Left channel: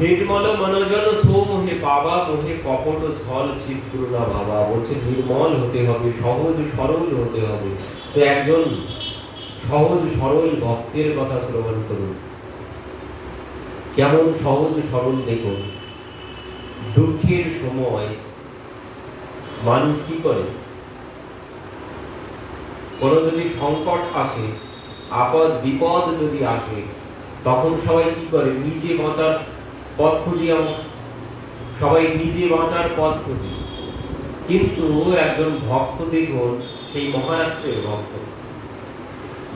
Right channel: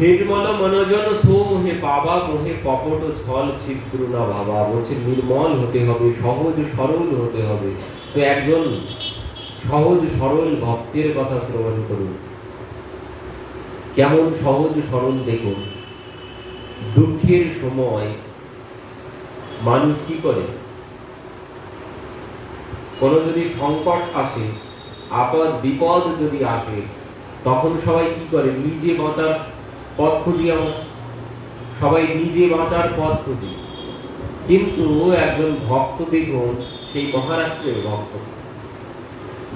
নির্মল মনোজন সোমোহে পাবা মোহে কপট ছল ছিদ্র না ভাবা। বলছে নির্মল হতে হবে, সহজ সরল হতে হবে। তো একজন সহজ সরল ভক্তের কথা শ্রবণ করুন। কেমন সহজ সরল দেখুন। দুঃখের সময় মানুষ কি করে? কোনো যদি সংকট আসে, আপদ বিপদ যদি আসে, তখন সবাই কি করে? নিজে বাঁচার পথ খুঁজি। আমরা সবাই নিজে বাঁচার পথ খুঁজি। কিন্তু একজন ভক্ত দেখুন, সেই মহারাষ্ট্রের ভক্ত,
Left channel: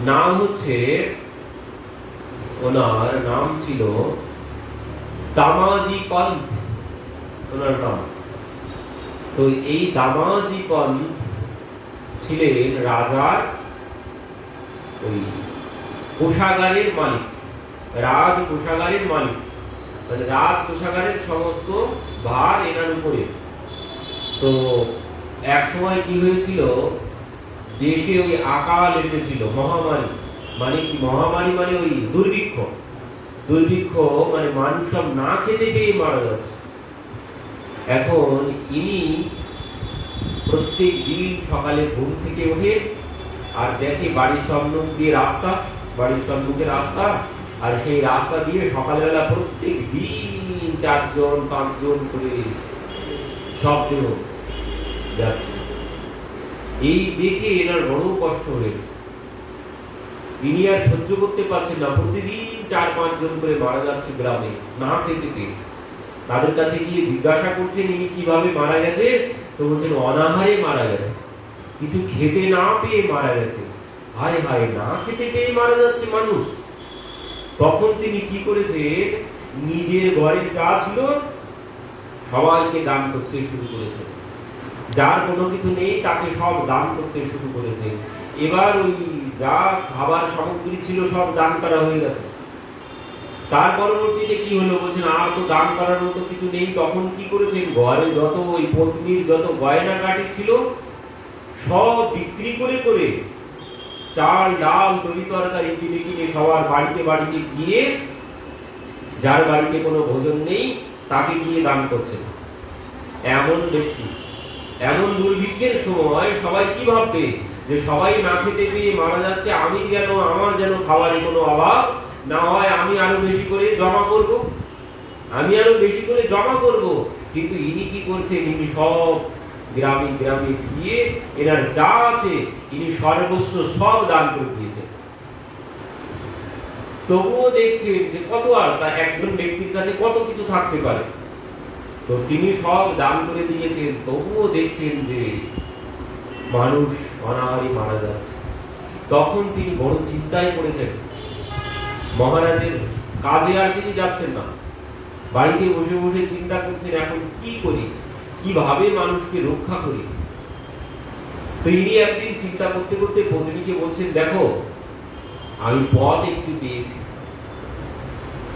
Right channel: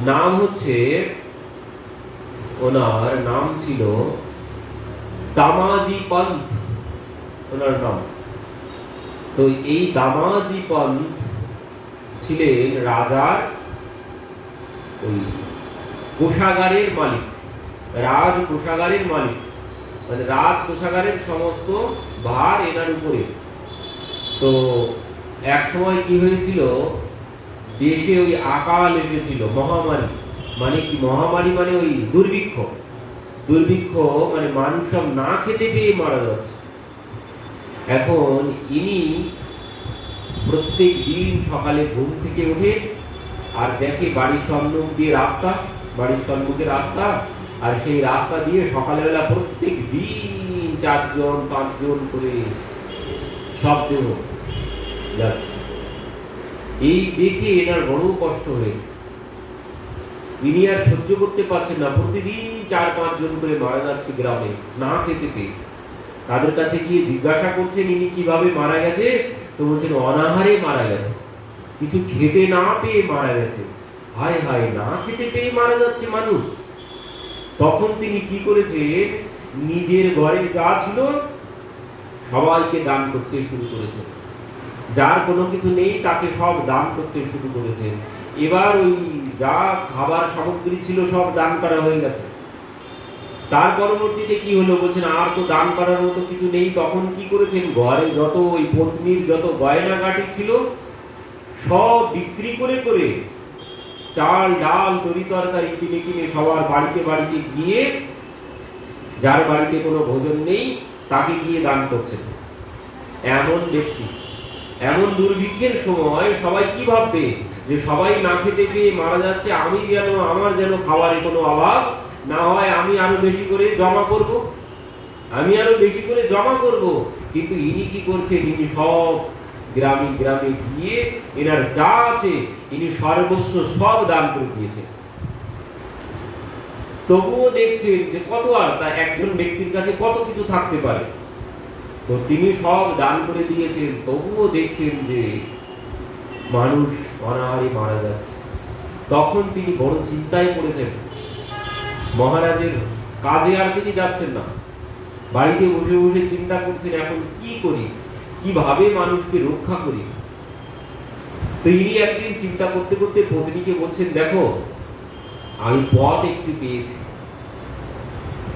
নাম হচ্ছে, ওনার নাম ছিল দামাজি পন্থ, ওনার নাম। তো এই দামাজি পন্থ ছিলেন রাজার ওই কোষাগারের মালিক, রাজ কোষাগারের মালিক, মানে রাজ কোষাগারের সমস্ত ভার এনার উপরে। তো এক সময় কি হয়েছিল, দেশে ওই আকাল এসেছিল, মহামারী। মানে কি মহামারী? মানে ওই দুর্ভিক্ষ। দুর্ভিক্ষ মানে মানুষ সব না খেতে পেয়ে মারা যাচ্ছে। এখন ইনি প্রত্যেক দিন সকালে ঘুম থেকে উঠে আর দেখে বাড়ির সম্মুখ দিয়ে রাস্তা, বাড়ির সম্মুখে রাস্তা, আর সেই রাস্তা দিয়ে সকালবেলা প্রত্যেক দিন 4 জন 5 জন করে শব্দ যাচ্ছে। এই দেখে এনার বড় কষ্ট হয়েছে। তিনি আর সহ্য করতে পারছেন না, প্রতিদিন 4-5 জন করে মারা যাচ্ছে গ্রামে না খেতে পেয়ে। তাদের কাছে গিয়ে জিজ্ঞাসা করছেন ইনি কিভাবে মারা গেছে। তো বলছেন অনাহারে মারা গেছে, কিছু খেতে না পেয়ে মারা গেছে। হায় হায়, না খেতে পেয়ে মারা যাচ্ছে মানুষ। তখন তিনি কি করেছেন, নিজের ঘরে যা ছিল সবাইকে দান করতে শুরু করেছেন। যার কোনো কিছু নেই তাকে সব দান করতে শুরু করেছেন। এবার ওই যা খাবার সামগ্রী ছিল সব দান করা হয়ে গেছে। তার পরবর্তীতে কি হলো, বলছেন আর তো দান করার মতো কিছু নেই। তখন কি করেছেন, ঘরে যত ওই পত্নীর যত গয়নাগাটি ছিল সব বিক্রি করে করে চাল ডাল তরি তরকারি কিনে কিনে সবার বাড়িতে বাড়িতে গিয়ে, যার বাড়িতে কোনো ভোজন নেই তাকে গিয়ে দান করছেন। এমন ব্যক্তি, এমন দুর্ভিক্ষের সময় সবাই কি ভাববে, যে সবাই না খেতে পেয়ে মারা যাচ্ছে, আমি যেন, আমার যেন খাবারে কোনো অভাব না হয়, আমি আরো বেশি করে জমা করব, আমি আরো বেশি করে জমা করব। কিন্তু ইনি কি করছেন, ইনি সব গ্রামে গ্রামে গিয়ে এনার যা আছে ইনি সর্বস্ব সব দান করে দিয়েছেন। তবুও দেখছেন যে কত আর তা একজন ব্যক্তির কাছে কত কিছু থাকতে পারে। তো তিনি সব দান করে দিয়েছেন, তবুও দেখছেন যে মানুষ অনাহারে মারা যাচ্ছে। তখন তিনি বড় চিন্তায় পড়েছেন। মহারাজের কাজে আর তিনি যাচ্ছেন না, বাড়িতে বসে বসে চিন্তা করছেন এখন কি করি, কিভাবে মানুষকে রক্ষা করি। তো ইনি একদিন চিন্তা করতে করতে পত্নীকে বলছেন, দেখো আমি পথ একটু পেয়েছি।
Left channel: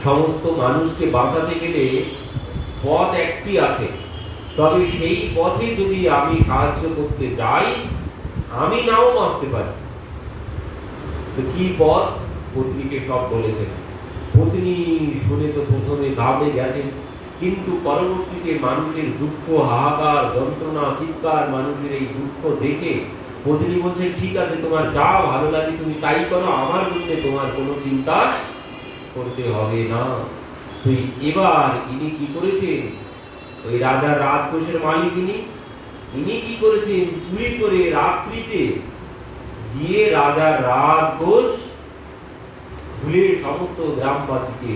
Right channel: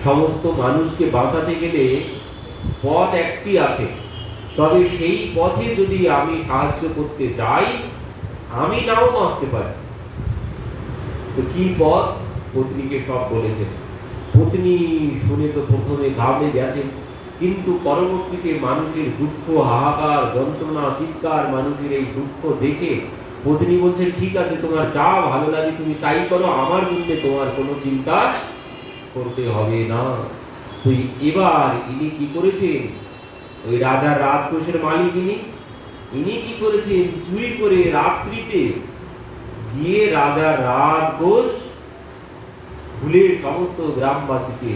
সমস্ত মানুষকে বাঁচাতে গেলে পথ একটি আছে, তবে সেই পথে যদি আমি সাহায্য করতে যাই আমি নাও বাঁচতে পারি। তো কি পথ? পত্নীকে সব বলেছেন। পত্নী শুনে তো প্রথমে ঘাবড়ে গেছেন, কিন্তু পরবর্তীতে মানুষের দুঃখ, হাহাকার, যন্ত্রণা, চিৎকার, মানুষের এই দুঃখ দেখে পত্নী বলছেন, ঠিক আছে তোমার যা ভালো লাগে তুমি তাই করো, আমার জন্য তোমার কোনো চিন্তা করতে হবে না। তো এবার ইনি কি করেছেন, ওই রাজার রাজকোষের মালিক ইনি কি করেছেন, চুরি করে রাত্রিতে গিয়ে রাজার রাজকোষ ভুলে সমস্ত গ্রামবাসীকে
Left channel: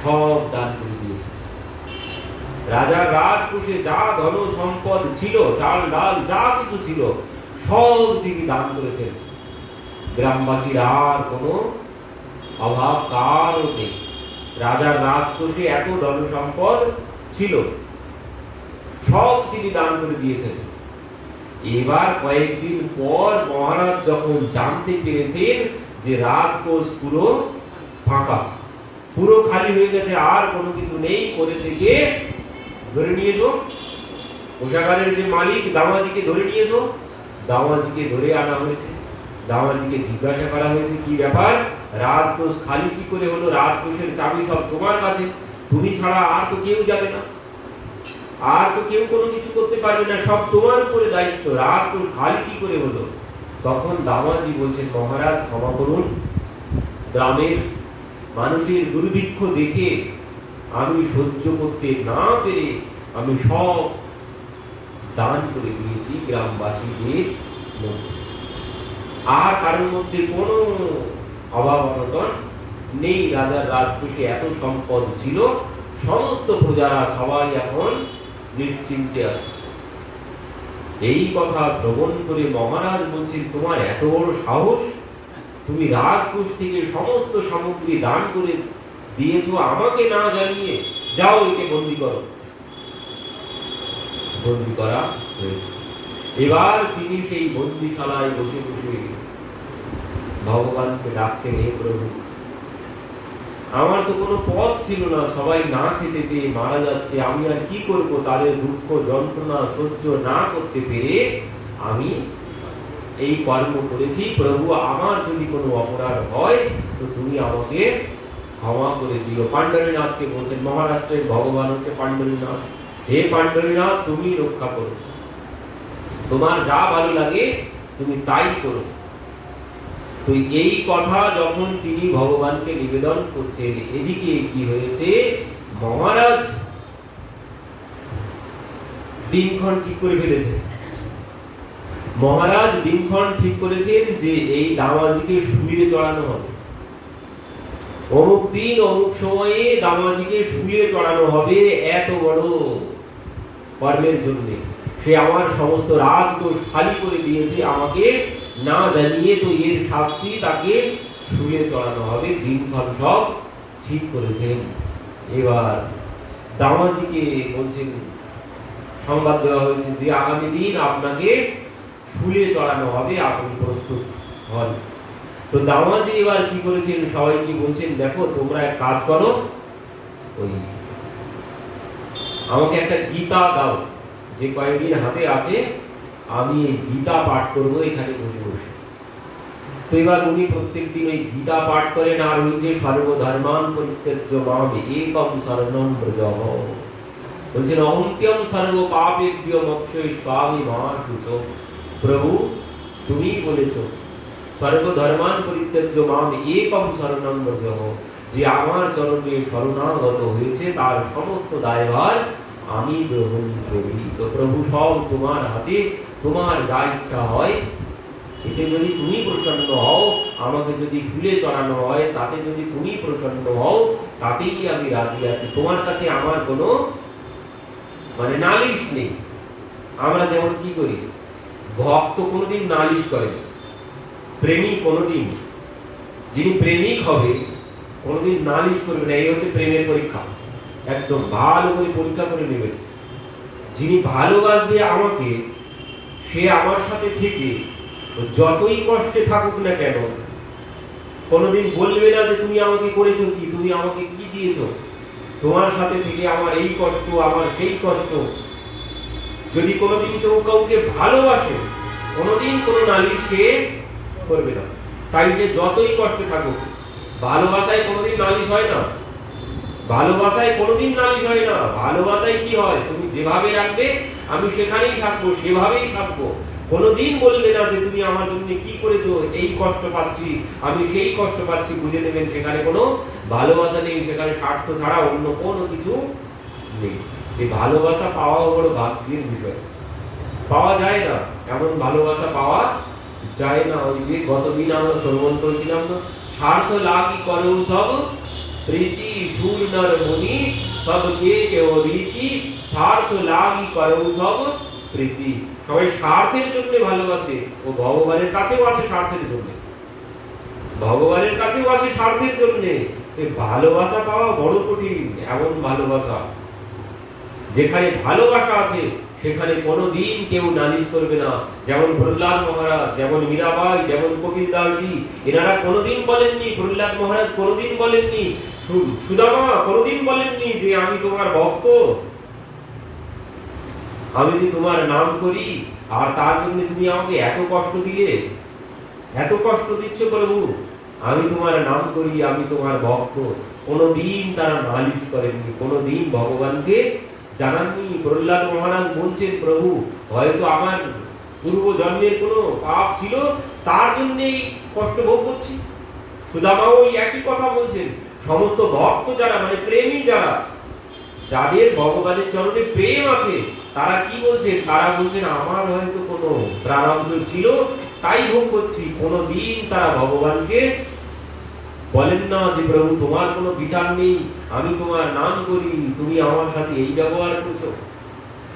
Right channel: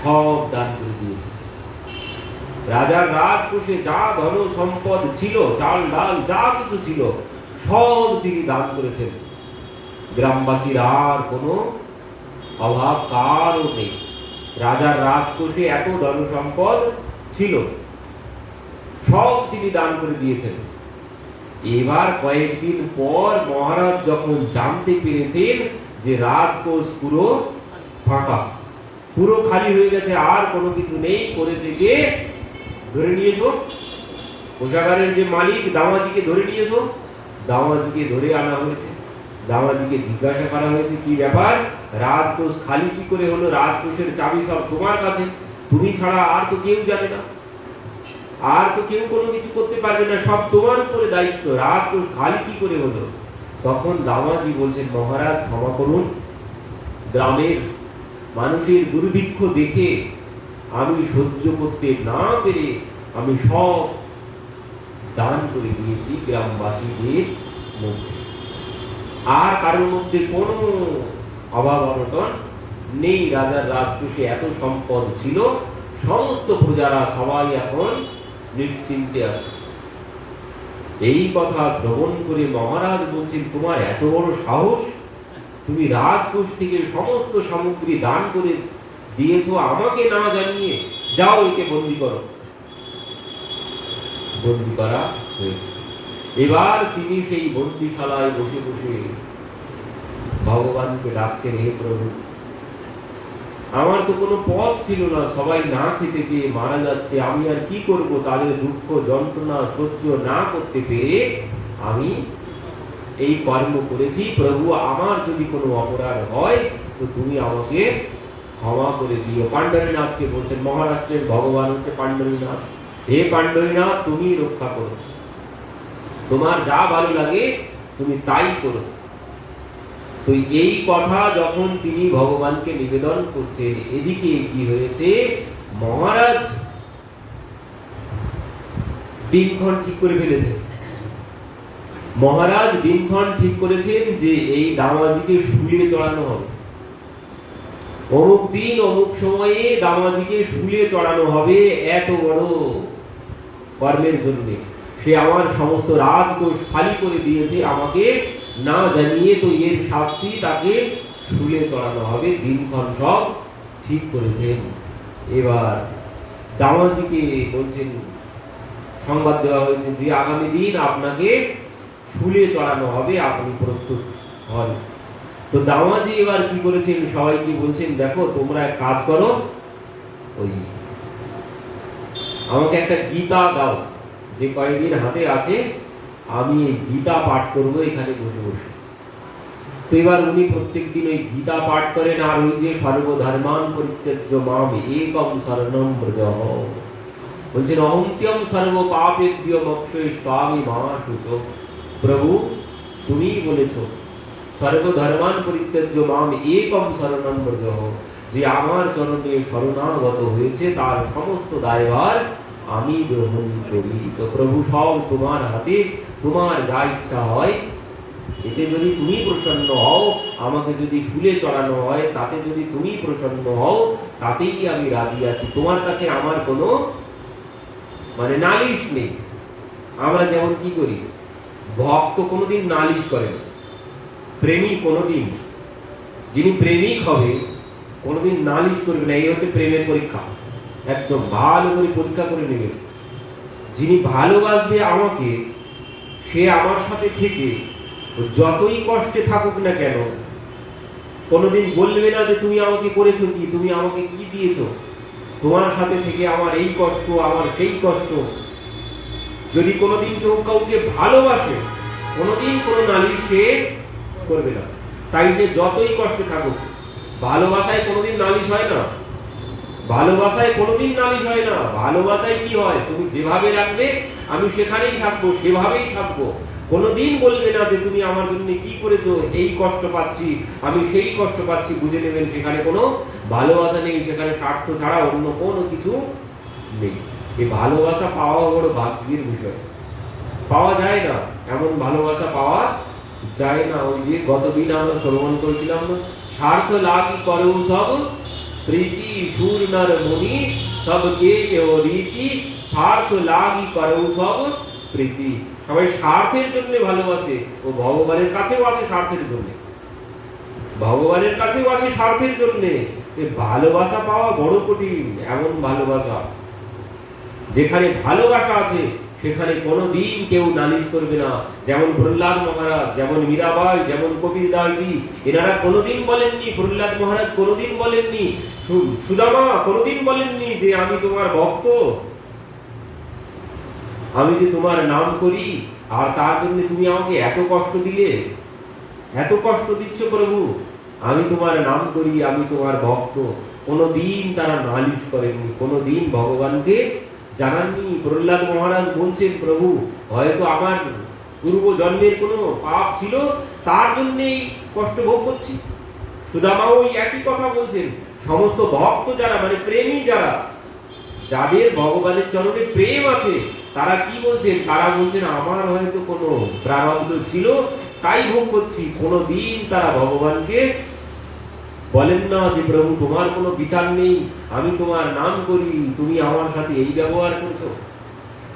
সব দান করে দিয়েছে। রাজার রাজকোষে যা ধন সম্পদ ছিল, চাল ডাল যা কিছু ছিল সব তিনি দান করেছেন। গ্রামবাসীর আর কোনো অভাব কারও নেই। রাজার রাজকোষে এত ধন সম্পদ ছিল, সব তিনি দান করে দিয়েছেন। এবার কয়েকদিন পর মহারাজ যখন জানতে পেরেছেন যে রাজকোষ পুরো ফাঁকা, পুরো খালি হয়ে গেছে, আর কোনো কিছু নেই, করেছে যে ধরে নিয়ে এসো, কোষাগারের যে মালিক দামাজিকে ধরে নিয়ে এসো। দামাজিকে ধরে আনা হয়েছে, দামাজিকে জিজ্ঞাসা করা হয়েছে কি ব্যাপার। রাজকোষ খালি কি করে হলো? রাজকোষের চাবি সব তোমার কাছে, তুমি ছাড়া আর তো কেউ যাবে না, আর তো কেউ কোনো কিছু করতে পারবে না, সব তোমার উপরে দায়িত্ব, রাজকোষ খালি কি করে হলো? তখন দামাজি বলছেন, মহারাজ ক্ষমা করুন, গ্রামের মানুষের দুর্ভিক্ষ দেখে আমি সহ্য করতে না পেরে আমি সব দান করে দিয়েছি গ্রামবাসীদের মধ্যে, আর কারোর মধ্যে কোনো অভাব অনটন নেই। রাজার রাজকোষে এত সম্পদ ছিল, সমস্ত প্রজারা সবাই এখন নিশ্চিন্তে আছে। এই কথা শ্রবণ করে মহারাজ বলছেন, তোমার এত বড় সাহস, তুমি রাজকোষ থেকে সমস্ত সামগ্রী দান করে দিয়েছো আমাকে না জানিয়ে, যাও একে বন্দী করো। বন্দী করা হয়েছে। এবার তিনি সেই বন্দিশালায় বসে বসে ভগবানকে ডাকছেন, হে প্রভু, আমার তো কোনো পথ ছিল না, সবাই না খেতে পেয়ে মারা যাচ্ছে, আমি আর কি করব? তাদের দুঃখ যন্ত্রণা সহ্য না করতে পেরে আমি এই কর্ম করেছি। প্রভু, আমার যদি কোনো অপরাধ হয় তো তুমি আমাকে ক্ষমা করে দিও। পাণ্ডরীনাথকে বলছেন, মহারাষ্ট্রের ভগবান হচ্ছে পাণ্ডরীনাথ, হে পাণ্ডরীনাথ, তুমি রক্ষা করো, তোমার যা ভালো লাগে তুমি তাই করো। তো এই কথা যখন তিনি ভগবানকে নিবেদন করছেন, এদিকে কি হয়েছে, মহারাজ দিনক্ষণ ঠিক করে ফেলেছে। মহারাজ দিনক্ষণ ঠিক করেছেন যে এই দামাজিকে শুলিয়ে চড়ানো হবে, অমুক দিন অমুক সময়ে দামাজিকে শুলিয়ে চড়ানো হবে। এত বড় কর্মের জন্য সে আমার সমস্ত রাজকোষ খালি করে দিয়েছে আমাকে না জানিয়ে, তো এর শাস্তি তাকে শুলিয়ে চড়ানো হবে। দিনক্ষণ সব ঠিক করেছেন। এবার দামাজিকে বলছেন, সংবাদ দেওয়া হয়েছে যে আগামী দিন আপনাকে শুলিয়ে চড়ানো হবে, আপনি প্রস্তুত হন। তো দামাজি এবার কি করেছেন, সবাইকে বলছেন, দেখো তোমরা এক কাজ করো, ওই আমাকে একটা গীতা দাও, যে কয়েকদিন হাতে আছে আমি এই গীতা পাঠ করবো এখানে বসে বসে। তো এবার উনি প্রত্যেকদিন ওই গীতা পাঠ করেন, আর ওই যে সর্বধর্মান পরিত্যজ্য মাম একম শরণম ব্রজঃ, বলছেন অহন্ত্যম সর্ব পাপেভ্যো মোক্ষয়িষ্যামি মা শুচো। প্রভু, তুমি বলেছো সর্বধর্মান পরিত্যজ্য মাম একম শরণম ব্রজঃ, যে আমার চরণে শরণাগত হয়েছে তার সমস্ত দায়ভার আমি গ্রহণ করি। তো প্রভু, সব তোমার হাতে, তোমার যা ইচ্ছা হয়, এতে যদি তুমি প্রসন্ন হও, আমাকে যদি শুলে চড়ানো হয় তাতে যদি তুমি প্রসন্ন হও, তাতেই আমি রাজি আছি। তোমার কাছে আমার কোনো মানে নালিশ নেই। আমরা যেমন কি করি, ভক্ত কোনোদিন নালিশ করে, প্রেমিক কোনোদিন, যিনি প্রেমিক হবে কোনোদিন নালিশ করবে না। এই হচ্ছে প্রেমের পরীক্ষা, একদম ভালো করে পরীক্ষা করে নেবে। যিনি ভালোবাসবে আমাকে, সে আমার সাথে থেকে যতই কষ্টে থাকুক না কেন, কোনোদিন বলবে না যে তুমি আমাকে করেছো কি, তুমি আমাকে কি দিয়েছো, তোমার সাথে থেকে আমার এই কষ্ট, আমার সেই কষ্ট। যদি কোনোদিন কেউ কাউকে ভালোবাসে, কোনোদিন কোনো নালিশ সে করবে না, তাই সে যতই কষ্টে থাকুক। ভালোবাসায় কোনোদিন নালিশ হয় না, ভালোবাসায় কোনোদিন নালিশ হয় না। ভালোবাসায় কি হয়, তুমি যেভাবে রাখবে আমি সেখানেই থাকবো, সেভাবেই থাকবো। কোনোদিন বলবে না যে তুমি আমার জন্য কি করেছো, এই কষ্ট পাচ্ছি, আমি সেই কষ্ট পাচ্ছি, বুঝে নেবেন সেখানে কোনো ভালোবাসা নেই, সেখানে স্বার্থ ছাড়া অন্য কোনো কিছু নেই। এই ভালোবাসা পাওয়া বড় ভাগ্যের বিষয়, পাওয়া যায় না, এমন ভালোবাসা পাওয়া যায় না। ওই যে গতদিন আমরা শ্রবণ করেছিলাম, স্বার্থ লাগি করো সব প্রীতি সুর নর মুনি সবকে কেউ রীতি, স্বার্থ লাগি করো সব প্রীতি। সবাই স্বার্থের জন্য ভালোবাসে, ও ভগবানের কাছেও আসে স্বার্থের জন্য, ভগবানের কাছেও আসে স্বার্থের জন্য। এই ভালোবাসা পাওয়া বড় কঠিন। এমন ভালোবাসা যেখানে ভালোবাসা আছে সেখানে কোনোদিন কেউ নালিশ করবে না। যেমন প্রহ্লাদ মহারাজ, যেমন মীরাবাই, যেমন কপিল দাসজি, এনারা কোনোদিন বলেননি, প্রহ্লাদ মহারাজ কোনোদিন বলেননি, সুদামা কোনোদিন বলেননি যে আমি তোমার ভক্ত, আমি যে তোমার নাম করি, আর তার জন্য তুমি আমাকে এত কষ্ট দিলে, এত কষ্ট দিচ্ছ প্রভু, আমি তোমার নাম করি, আমি তোমার ভক্ত, কোনোদিন তারা নালিশ করেননি, কোনোদিন ভগবানকে জানাননি। প্রহ্লাদ মহারাজ বলছেন, প্রভু হয়তো আমার পূর্ব জন্মের কোনো পাপ ছিল, তার জন্যই কষ্ট ভোগ করছি। সুদামাও ওই একই কথা বলছেন। সমস্ত ভক্ত যারা, মানে প্রেমী যারা, যাদের ভগবানের চরণে প্রেম আছে, তারা কি বলছেন? তারা বলছেন আমার হয়তো কোনো প্রারব্ধ ছিল, তাই ভোগ করছি। কোনোদিন তারা ভগবানকে বলেন না যে প্রভু তোমার কোনো বিচার নেই, আমি তোমার নাম করি, তুমি আমার সাথে এই ব্যবহার করছো।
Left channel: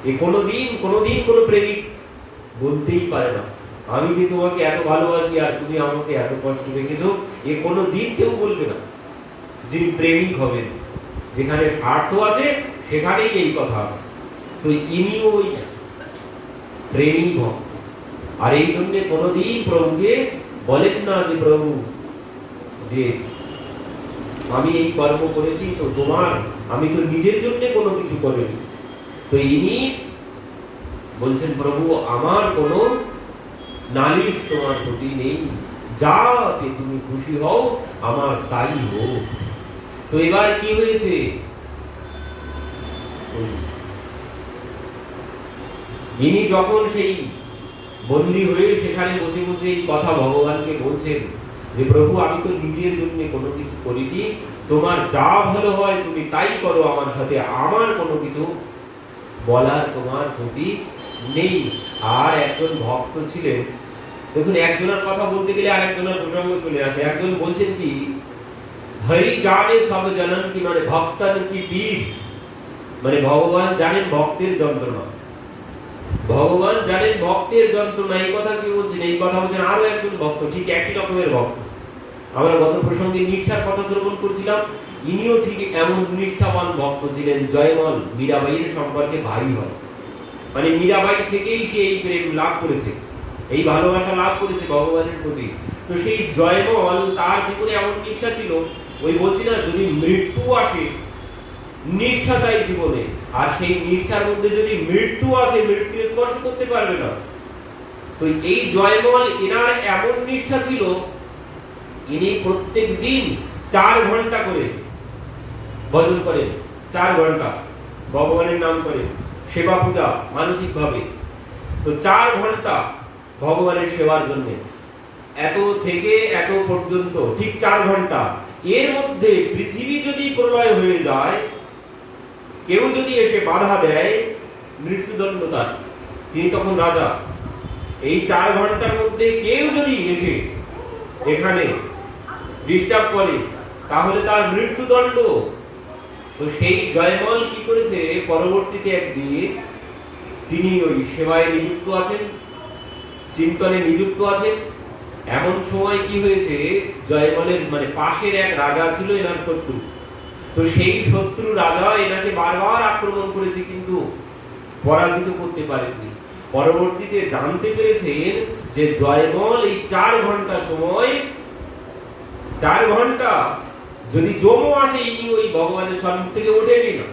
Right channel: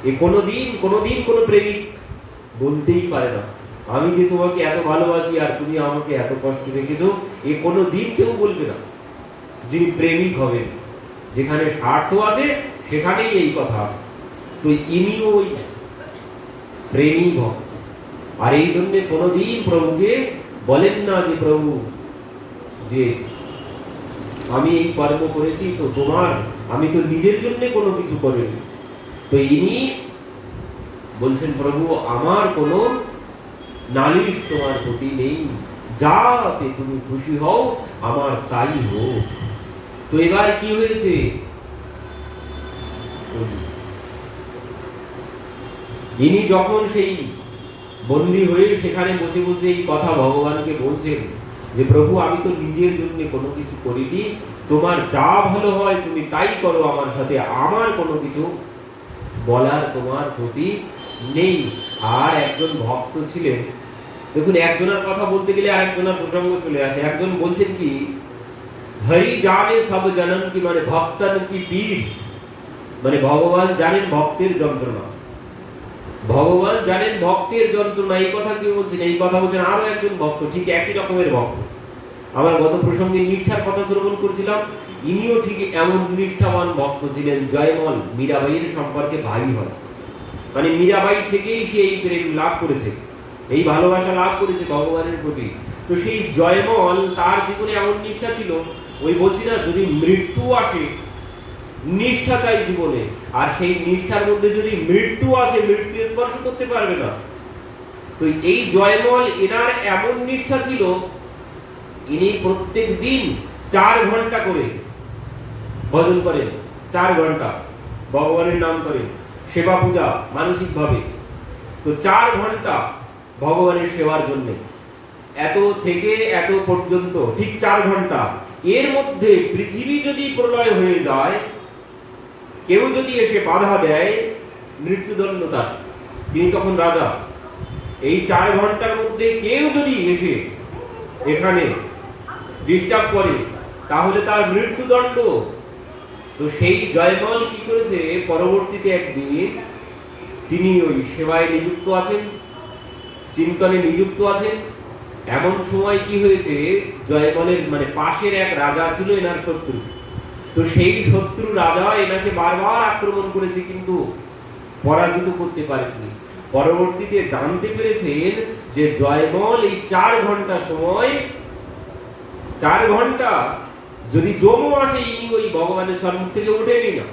এ কোনোদিন কোনোদিন কোনো প্রেমিক বলতেই পারে না আমি যে তোমাকে এত ভালোবাসি আর তুমি আমাকে এত কষ্ট রেখেছো। এ কোনোদিন কেউ বলবে না। যিনি প্রেমিক হবেন, যেখানে স্বার্থ আছে সেখানেই এই কথা আছে। তো ইনিও ওই প্রেমিক ভক্ত। আর এই জন্য কোনোদিন প্রভুকে বলেন না যে প্রভু যে আমি এই কর্ম করেছি তো তোমার, আমি তো নিজের জন্য কোনো কিছু করিনি। তো ইনি বলছেন প্রভু আমার কোনো নালিশ তোমার প্রতি নেই, যাতে তুমি খুশি হও আমার তাই হোক। তো এবার কি হয়েছে? ইনি যখন সেই বন্দী হয়ে সেখানে বসে বসে এই কথা ভগবানকে বলছেন যে প্রভু আমি তো নিজের জন্য কোনো কিছু করিনি, তোমার যা ভালো হয় তুমি তাই করো আমার সাথে, আমার কোনো কিছু বলার তোমার প্রতি নেই। আর একজন ভক্ত ছিলেন, দেখুন একজনের কথা বলতে গেলে আরেকজনের প্রসঙ্গ চলে আসে। একজন বলছেন কি, হরি জানে সব জনন কি, মানে ভক্তন কি পীর, মানে ভগবান জানেন ভক্তের যন্ত্রণা, ভগবান জানেন ভক্তের যন্ত্রণা। এই কথা কি বলছেন? এই কথা বলছেন আরো একজন ভক্ত, ঠিক একই রকমের ভক্ত। আমরা গত প্রসঙ্গে নিষ্ঠার কথা শ্রবণ করছিলাম, ইনিও ঠিক এমন নিষ্ঠাবান ভক্ত ছিলেন। জয়মল মীরাবাইয়ের সম্পর্কে ভাই হয়, মানে মীরাবাই থেকেই সে এই প্রেম লাভ করেছে, এই ভালোবাসা লাভ করেছে ভগবানের প্রতি। তো সেই জয়মল তার জীবনে এমন নিষ্ঠা ছিল, ওই বলছি না যদি মৃত্যু আসে, নিষ্ঠা চাই জীবনে, আর সেই নিষ্ঠার মধ্যে যদি মৃত্যু আসে, মৃত্যু স্পর্শ করতে পারবে না। তো এই জয়মল এনার এমন নিষ্ঠা ছিল, ইনি প্রত্যেক দিন 4 ঘন্টা করে ভজন করেন, 4 ঘন্টা ভগবানের নাম করেন, সেবা পূজা মানসিক ভাবে। তো 4 ঘন্টা ভগবানের সেবার জন্য, এত থেকে এত পর্যন্ত ঠিক 4 ঘন্টা। এর মধ্যে পৃথিবী যদি প্রলয় হয়ে যায়, কেউ যদি এসে বাধা দেয়, মৃত্যুদণ্ড তার, তিনি তখন রাজা। এই 4 ঘন্টার মধ্যে কেউ যদি এসে এখানে ডিস্টার্ব করে, তাহলে তার মৃত্যুদণ্ড। তো সেই জয়মল কি করেছে, পরবর্তীতে একদিন তিনি ওই সেবায় নিযুক্ত আছেন, চিন্তনে নিযুক্ত আছেন। এমন সময় কি হয়েছে, জয়মলের মানে পাশের এক রাজা ছিল এনার শত্রু। তো সেই শত্রু রাজা এনাকে বারবার আক্রমণ করেছে, কিন্তু পরাজিত করতে পারেননি। পরবর্তীতে জানতে পেরেছেন যে জয়মল এই 4 ঘন্টা সময়, 4 ঘন্টা যদি যমও আসে, ইনি ওই ভগবানের সম্মুখ থেকে ওঠেনি না।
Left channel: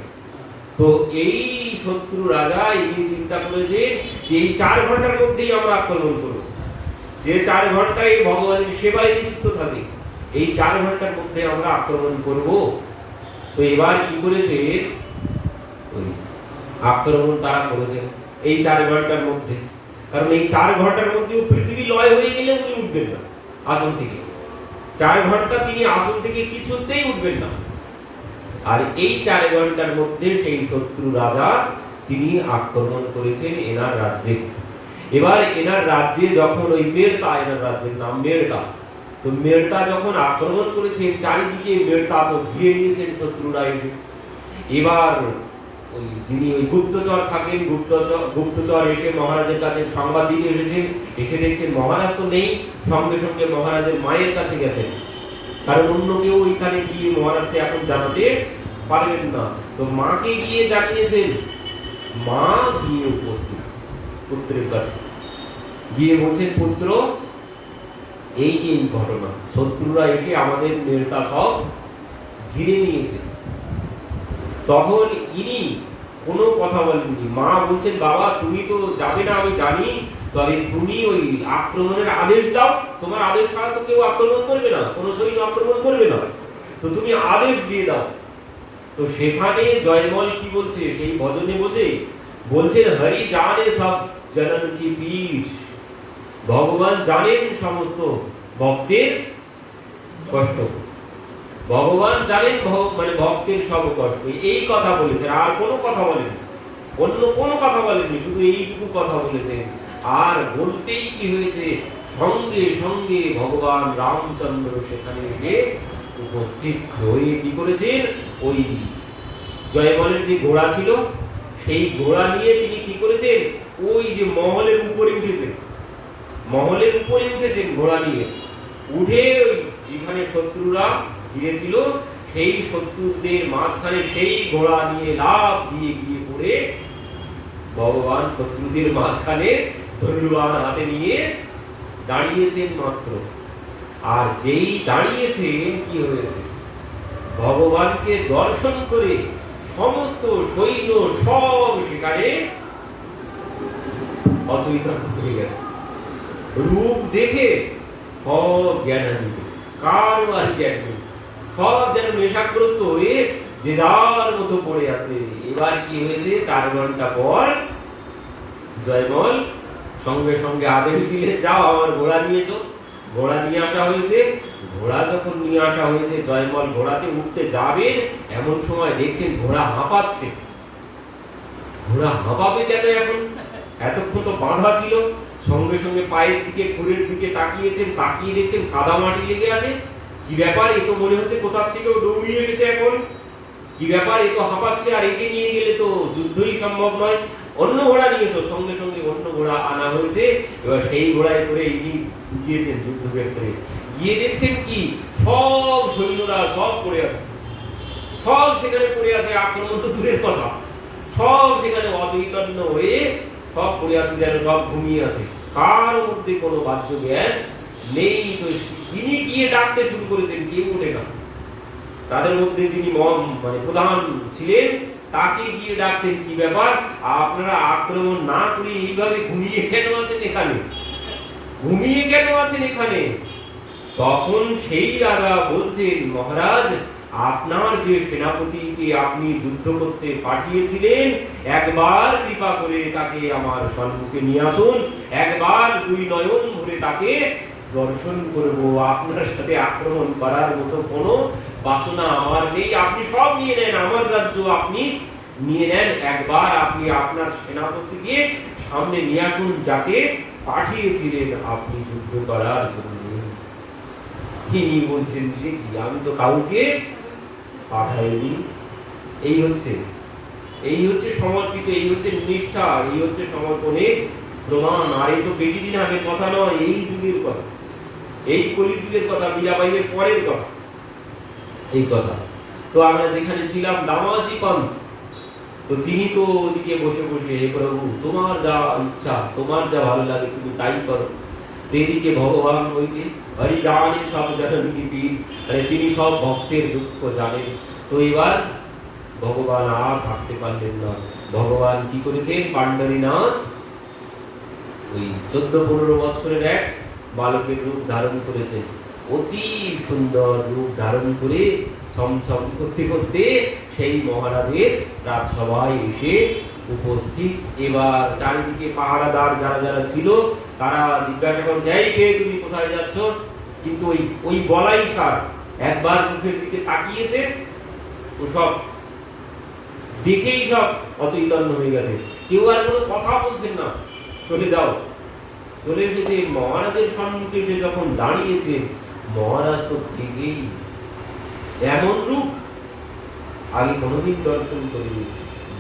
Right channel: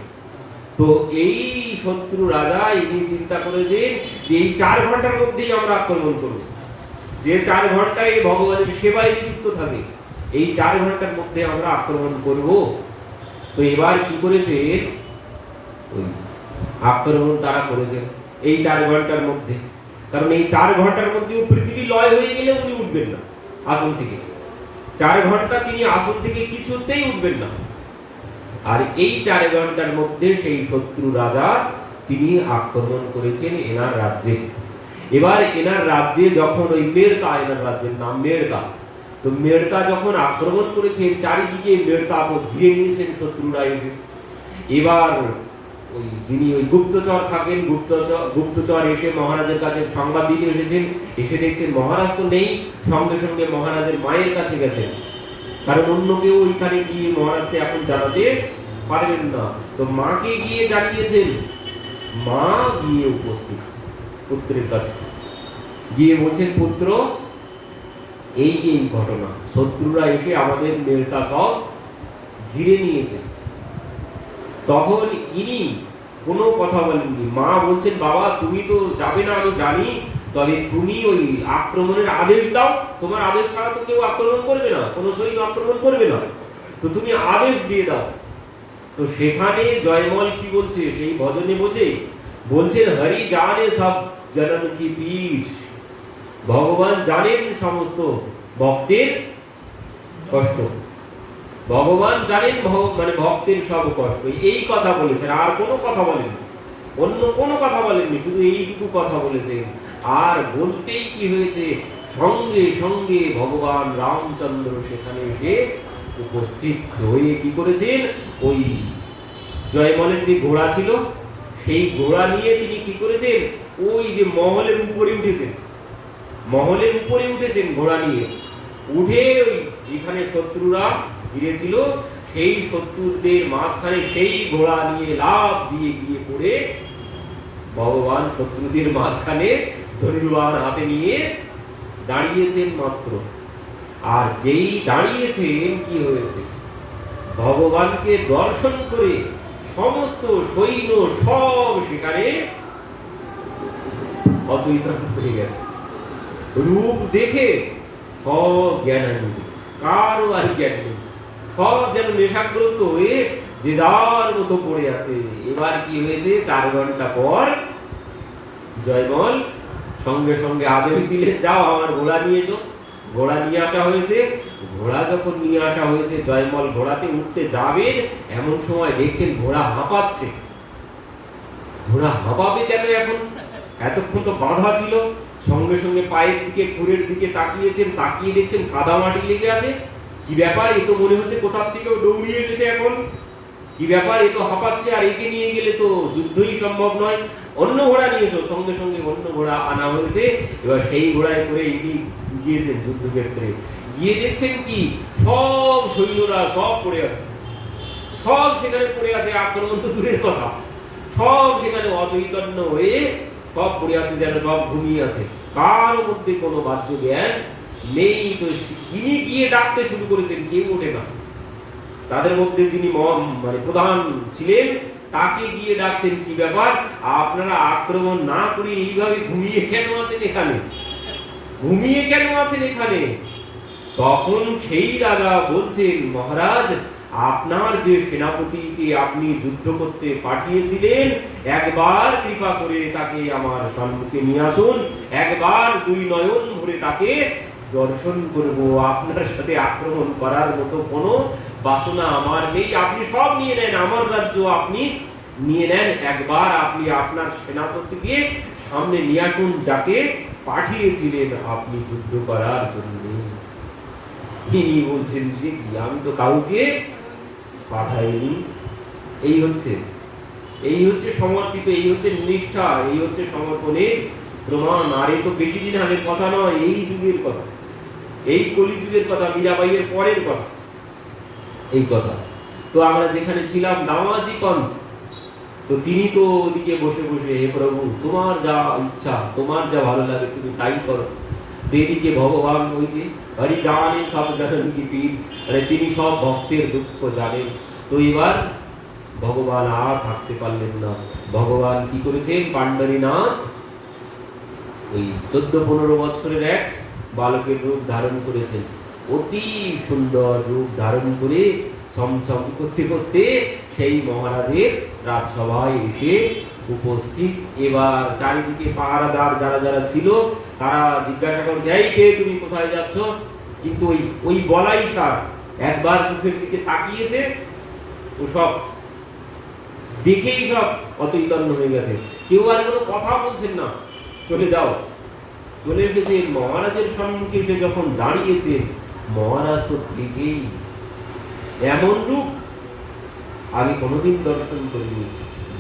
তো এই শত্রু রাজা ইনি চিন্তা করেছেন যে এই 4 ঘন্টার মধ্যেই আমরা আক্রমণ করব, যে 4 ঘন্টায় ভগবানের সেবায় নিযুক্ত থাকে, এই 4 ঘন্টার মধ্যে আমরা আক্রমণ করব। তো এবার কি করেছে, আক্রমণ তারা করেছেন এই 4 ঘন্টার মধ্যে। কারণ এই 4 ঘন্টার মধ্যেও পৃথিবী লয় হয়ে গেলে উনি উঠবেন না আসন থেকে। 4 ঘন্টা তিনি আসন থেকে কিছুতেই উঠবেন না। আর এই 4 ঘন্টার মধ্যে সেই শত্রু রাজা তিনি আক্রমণ করেছেন এনার রাজ্যে। এবার এনার রাজ্যে যখন ওই মেড়তা, এনার রাজ্যের নাম মেড়তা, তো মেড়তা যখন আক্রমণ করেছে, চারিদিকে মেড়তা তো ঘিরে নিয়েছেন শত্রুরা এসে। এবার ওই যিনি ওই গুপ্তচর থাকেন, গুপ্তচর এসে মহারাজের কাছে সংবাদ দিতে এসেছেন। এসে দেখছেন মহারাজ তো নেই, সঙ্গে সঙ্গে মহারাজের মায়ের কাছে গেছেন, কারণ অন্য কেউ ওইখানে গিয়ে মহারাজকে এখন জানাতে পারবেন না। তো মাকে গিয়ে জানিয়েছেন, মা গিয়ে উপস্থিত পুত্রের কাছে গিয়ে বলছেন, পুত্র এই এই ঘটনা, শত্রুরা এসে আমাদের মেয়েটা সব ঘিরে নিয়েছে। তখন ইনি কোনো কথা বলেননি। মা বলছেন, বাবা তুমি তো যাবে না আমি জানি, তবে তুমি ওই আক্রমণের আদেশ দাও, তোমার আদেশ ছাড়া তো কেউ আক্রমণ করবে না, কোনো সৈন্য আক্রমণ করবে না, তো তুমি আদেশ দিয়ে দাও। তো সেখানে জয়মল কি বলছে, সেই ভজনে বসে বলছেন, হরি জানে সব জনন কি পীঠ, ভগবান জানেন সমস্ত ভক্তের কষ্ট, ভগবান জানেন মানে ভক্তের সব কষ্ট। এই কথা বলেছে, আর কোনো কথা বলেনি, অন্য কোনো কথা বলেননি, শুধু এইটুকু কথা বলেছেন। আর বলতেই কি হয়েছে, সঙ্গে সঙ্গে ভগবান রামচন্দ্র সেখানে এসে উপস্থিত হয়ে কি করেছেন, ওই জয়মলের যে ঘোড়া ছিল সেই ঘোড়া নিয়ে তিনি কি করেছেন, ওই যে মহলের উপরে উঠেছেন, মহলের উপরে উঠেছেন ঘোড়া নিয়ে, উঠে ওই যেখানে শত্রুরা ঘিরেছিল সেই শত্রুদের মাঝখানে সেই ঘোড়া নিয়ে লাফ দিয়ে গিয়ে পড়ে ভগবান শত্রুদের মাঝখানে ধনুর্বাণ হাতে নিয়ে দাঁড়িয়েছেন মাত্র। আর যেই দাঁড়িয়েছেন কি হয়েছে, ভগবানকে দর্শন করে সমস্ত সৈন্য সব সেখানে অচৈতন্য হয়ে গেছে। রূপ দেখে সব জ্ঞানান্বিত, কারো আর জ্ঞান নেই, সব যেন নেশাগ্রস্ত হয়ে যে যার মতো পড়ে আছে। এবার কি হয়েছে, 4 ঘন্টা পর জয়মল সঙ্গে সঙ্গে আদেশ দিলেন, যাও আমার ঘোড়া নিয়ে এসো। ঘোড়া নিয়ে আসা হয়েছে। ঘোড়া যখন নিয়ে আসা হয়েছে, জয়মল ঘোড়াতে উঠতে যাবেন, এমন সময় দেখছেন ঘোড়া হাঁপাচ্ছে। ঘোড়া হাঁপাবে কেন এখন, এতক্ষণ তো বাঁধা ছিল। সঙ্গে সঙ্গে পায়ের দিকে খুরের দিকে তাকিয়েছেন, তাকিয়ে দেখছেন কাদা মাটি লেগে আছে। কি ব্যাপার, এ তো মনে হচ্ছে কোথার থেকেও দৌড়িয়ে গেছে এখন, কি ব্যাপার, এ তো হাঁপাচ্ছে, আর একে নিয়ে গেলে তো যুদ্ধই সম্ভব নয়, অন্য ঘোড়া নিয়ে এসো। সঙ্গে সঙ্গে অন্য ঘোড়া আনা হয়েছে। এবার সেই ঘোড়ায় করে ইনি গিয়েছেন যুদ্ধক্ষেত্রে, গিয়ে দেখছেন কি সব সৈন্যরা সব পড়ে আছে, সব সেখানে পড়ে আছে, আক্রমণ তো দূরের কথা, সব সেখানে অচৈতন্য হয়ে সব পড়ে আছে, যেন সব ঘুমিয়ে আছে, কার মধ্যে কোনো বাহ্য জ্ঞান নেই। তো তিনি গিয়ে ডাকতে শুরু করেছেন, কেউ ওঠে না। তাদের মধ্যে যিনি মানে প্রধান ছিলেন, তাকে গিয়ে ডাকছেন, কি ব্যাপার, আপনারা আক্রমণ না করে এইভাবে ঘুমিয়ে কেন আছেন এখানে, ঘুমিয়ে কেন আছেন এখানে? তখন সেই রাজা বলছেন, মহারাজ, আপনার যে সেনাপতিকে আপনি যুদ্ধ করতে পাঠিয়েছিলেন, একবার কৃপা করে তাকে আমার সম্মুখে নিয়ে আসুন, একবার 2 নয়ন ভরে তাকে দর্শন করব। আপনার সাথে আক্রমণ করার মতো কোনো বাসনা আমার নেই, আপনি সব নিয়ে নেন, আমার রাজ্য আপনি নিয়ে নেন, একবার আপনি আপনার সেনাপতিকে সামনে নিয়ে আসুন, যাকে পাঠিয়েছিলেন আপনি যুদ্ধ করার জন্য। তিনি বলছেন যে কি, আমি তো কাউকে পাঠাইনি। এই হচ্ছে সমর্পিত, এই হচ্ছে নিষ্ঠা, এই হচ্ছে সমর্পণের প্রমাণ। আর এই তো বেশি দিন আগের কথা নয়, এই যুগের কথা, এই কলিযুগের কথা, মীরাবাইয়ের পরের কথা এই কথা। তো আমরা যেখানে ছিলাম দামাজি পন্থ, তো তিনি তো ওদিকে বসে বসে, হে প্রভু, তোমার যা ইচ্ছা, তোমার যা ভালো লাগে তুমি তাই করো। এদিকে ভগবান ওই যে হরি জানে সব জনন কি পীর, তিনি সব ভক্তের দুঃখ জানেন। তো এবার ভগবান আর থাকতে পারলেন না। ভগবান কি করেছেন, পাণ্ডরীনাথ ওই 14-15 বছরের এক বালকের রূপ ধারণ করেছেন। অতি সুন্দর রূপ ধারণ করে ছমছম করতে করতে সেই মহারাজের রাজসভায় এসে উপস্থিত। এবার চারিদিকে পাহারাদার যারা যারা ছিল তারা জিজ্ঞাসা করছে, এই কে তুমি, কোথায় যাচ্ছ? কিন্তু ওই বলাই সার একবার মুখের দিকে তাকিয়েছে, তো সব দেখেই সব অচৈতন্য হয়ে গেছে, কেউ আর কোনো কথা বলছেন না, চলে যাও। চলে গেছে। মহারাজের সম্মুখে সে যখন দাঁড়িয়েছে, মহারাজ তো ঠিকই এমন রূপ আগে কোনোদিন দর্শন করেনি।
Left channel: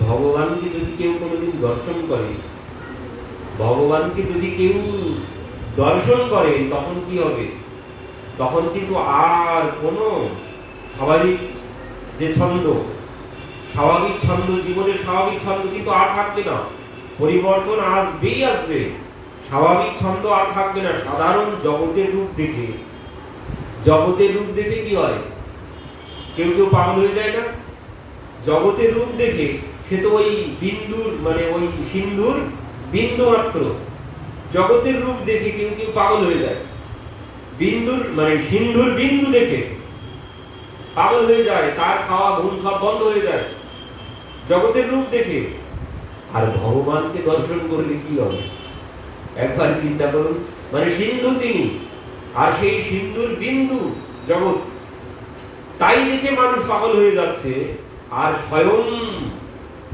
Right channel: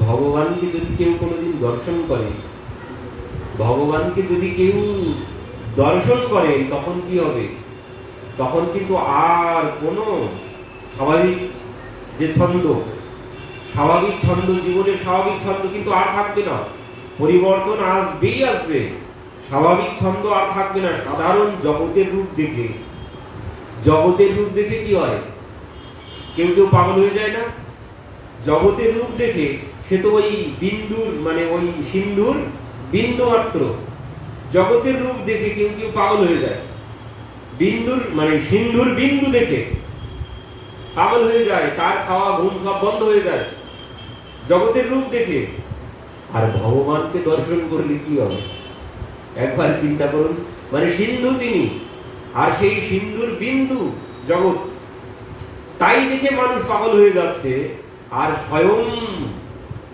ভগবানকে যদি কেউ কোনোদিন দর্শন করে, ভগবানকে যদি কেউ দর্শন করেন, তখন কি হবে? তখন কিন্তু আর কোনো স্বাভাবিক যে ছন্দ, স্বাভাবিক ছন্দ, জীবনের স্বাভাবিক ছন্দ কিন্তু আর থাকবে না, পরিবর্তন আসবেই আসবে। স্বাভাবিক ছন্দ আর থাকবে না। সাধারণ জগতের রূপ দেখে, জগতের রূপ দেখে কি হয়, কেউ কেউ পাগল হয়ে যায় না? জগতের রূপ দেখে সে তো ওই বিন্দুর মানে ওই সিন্ধুর বিন্দু মাত্র। জগতের রূপ দেখে কেউ কেউ পাগল হয়ে যায়। বিন্দুর মানে সিন্ধুর বিন্দু দেখে পাগল হয়ে যায়, তার খাওয়া ঘুম সব বন্ধ হয়ে যায় জগতের রূপ দেখে। আর ভগবানকে দর্শন করলে কি হবে একবার চিন্তা করুন। মানে সিন্ধু তিনি, আর সেই সিন্ধুর বিন্দু জগৎ, তাই দেখে মানুষ পাগল হয়ে যাচ্ছে। আর স্বয়ং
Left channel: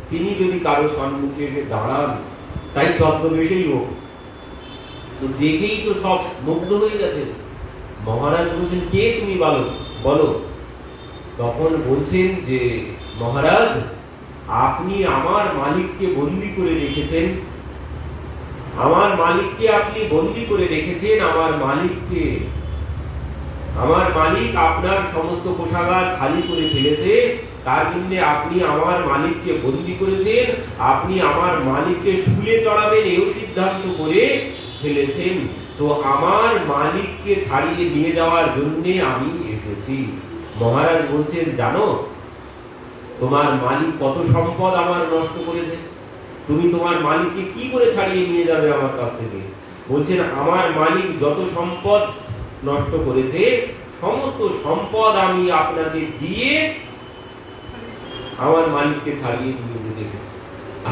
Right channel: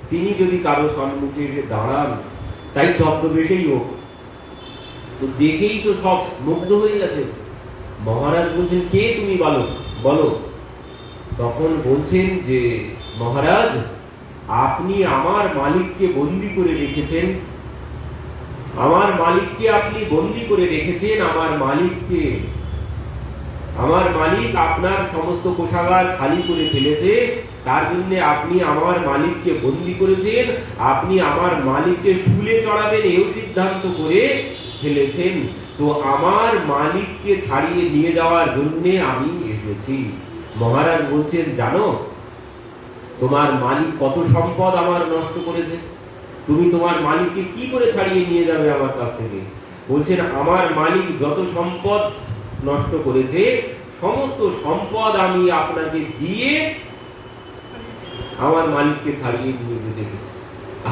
তিনি যদি কারো সম্মুখে এসে দাঁড়ান, তাই ছদ্মবেশেই হোক, তো দেখেই তো সব মুগ্ধ হয়ে গেছে। মহারাজ বলছেন, কে তুমি বলো। তখন বলছেন যে, মহারাজ আপনি আমার মালিককে বন্দী করে রেখেছেন, আমার মালিককে আপনি বন্দী করে রেখেছেন। আমার মালিক আপনার সমস্ত কোষাগার খালি করে ফেলেছে, তার জন্য আপনি আমার মালিককে বন্দী করেছেন। আপনি আমার মালিককে শুলে চড়াবেন এও সিদ্ধান্ত করে ফেলেছেন। তো আমার মালিককে ছাড়িয়ে নিয়ে যাওয়ার জন্য আমি এসেছি। মহারাজ বলছেন, জানো তোমার মালিক কত সম্পদ আমার নষ্ট করেছে, তুমি তোমার মালিককে কি করে ছাড়িয়ে নিয়ে যাবে আমার কাছ থেকে? বলছেন, আমার মালিক যত সম্পদ নষ্ট করেছে সমস্ত সম্পদ আমি আপনাকে দিয়ে আমার মালিককে ছাড়িয়ে নিয়ে যেতে গেছি।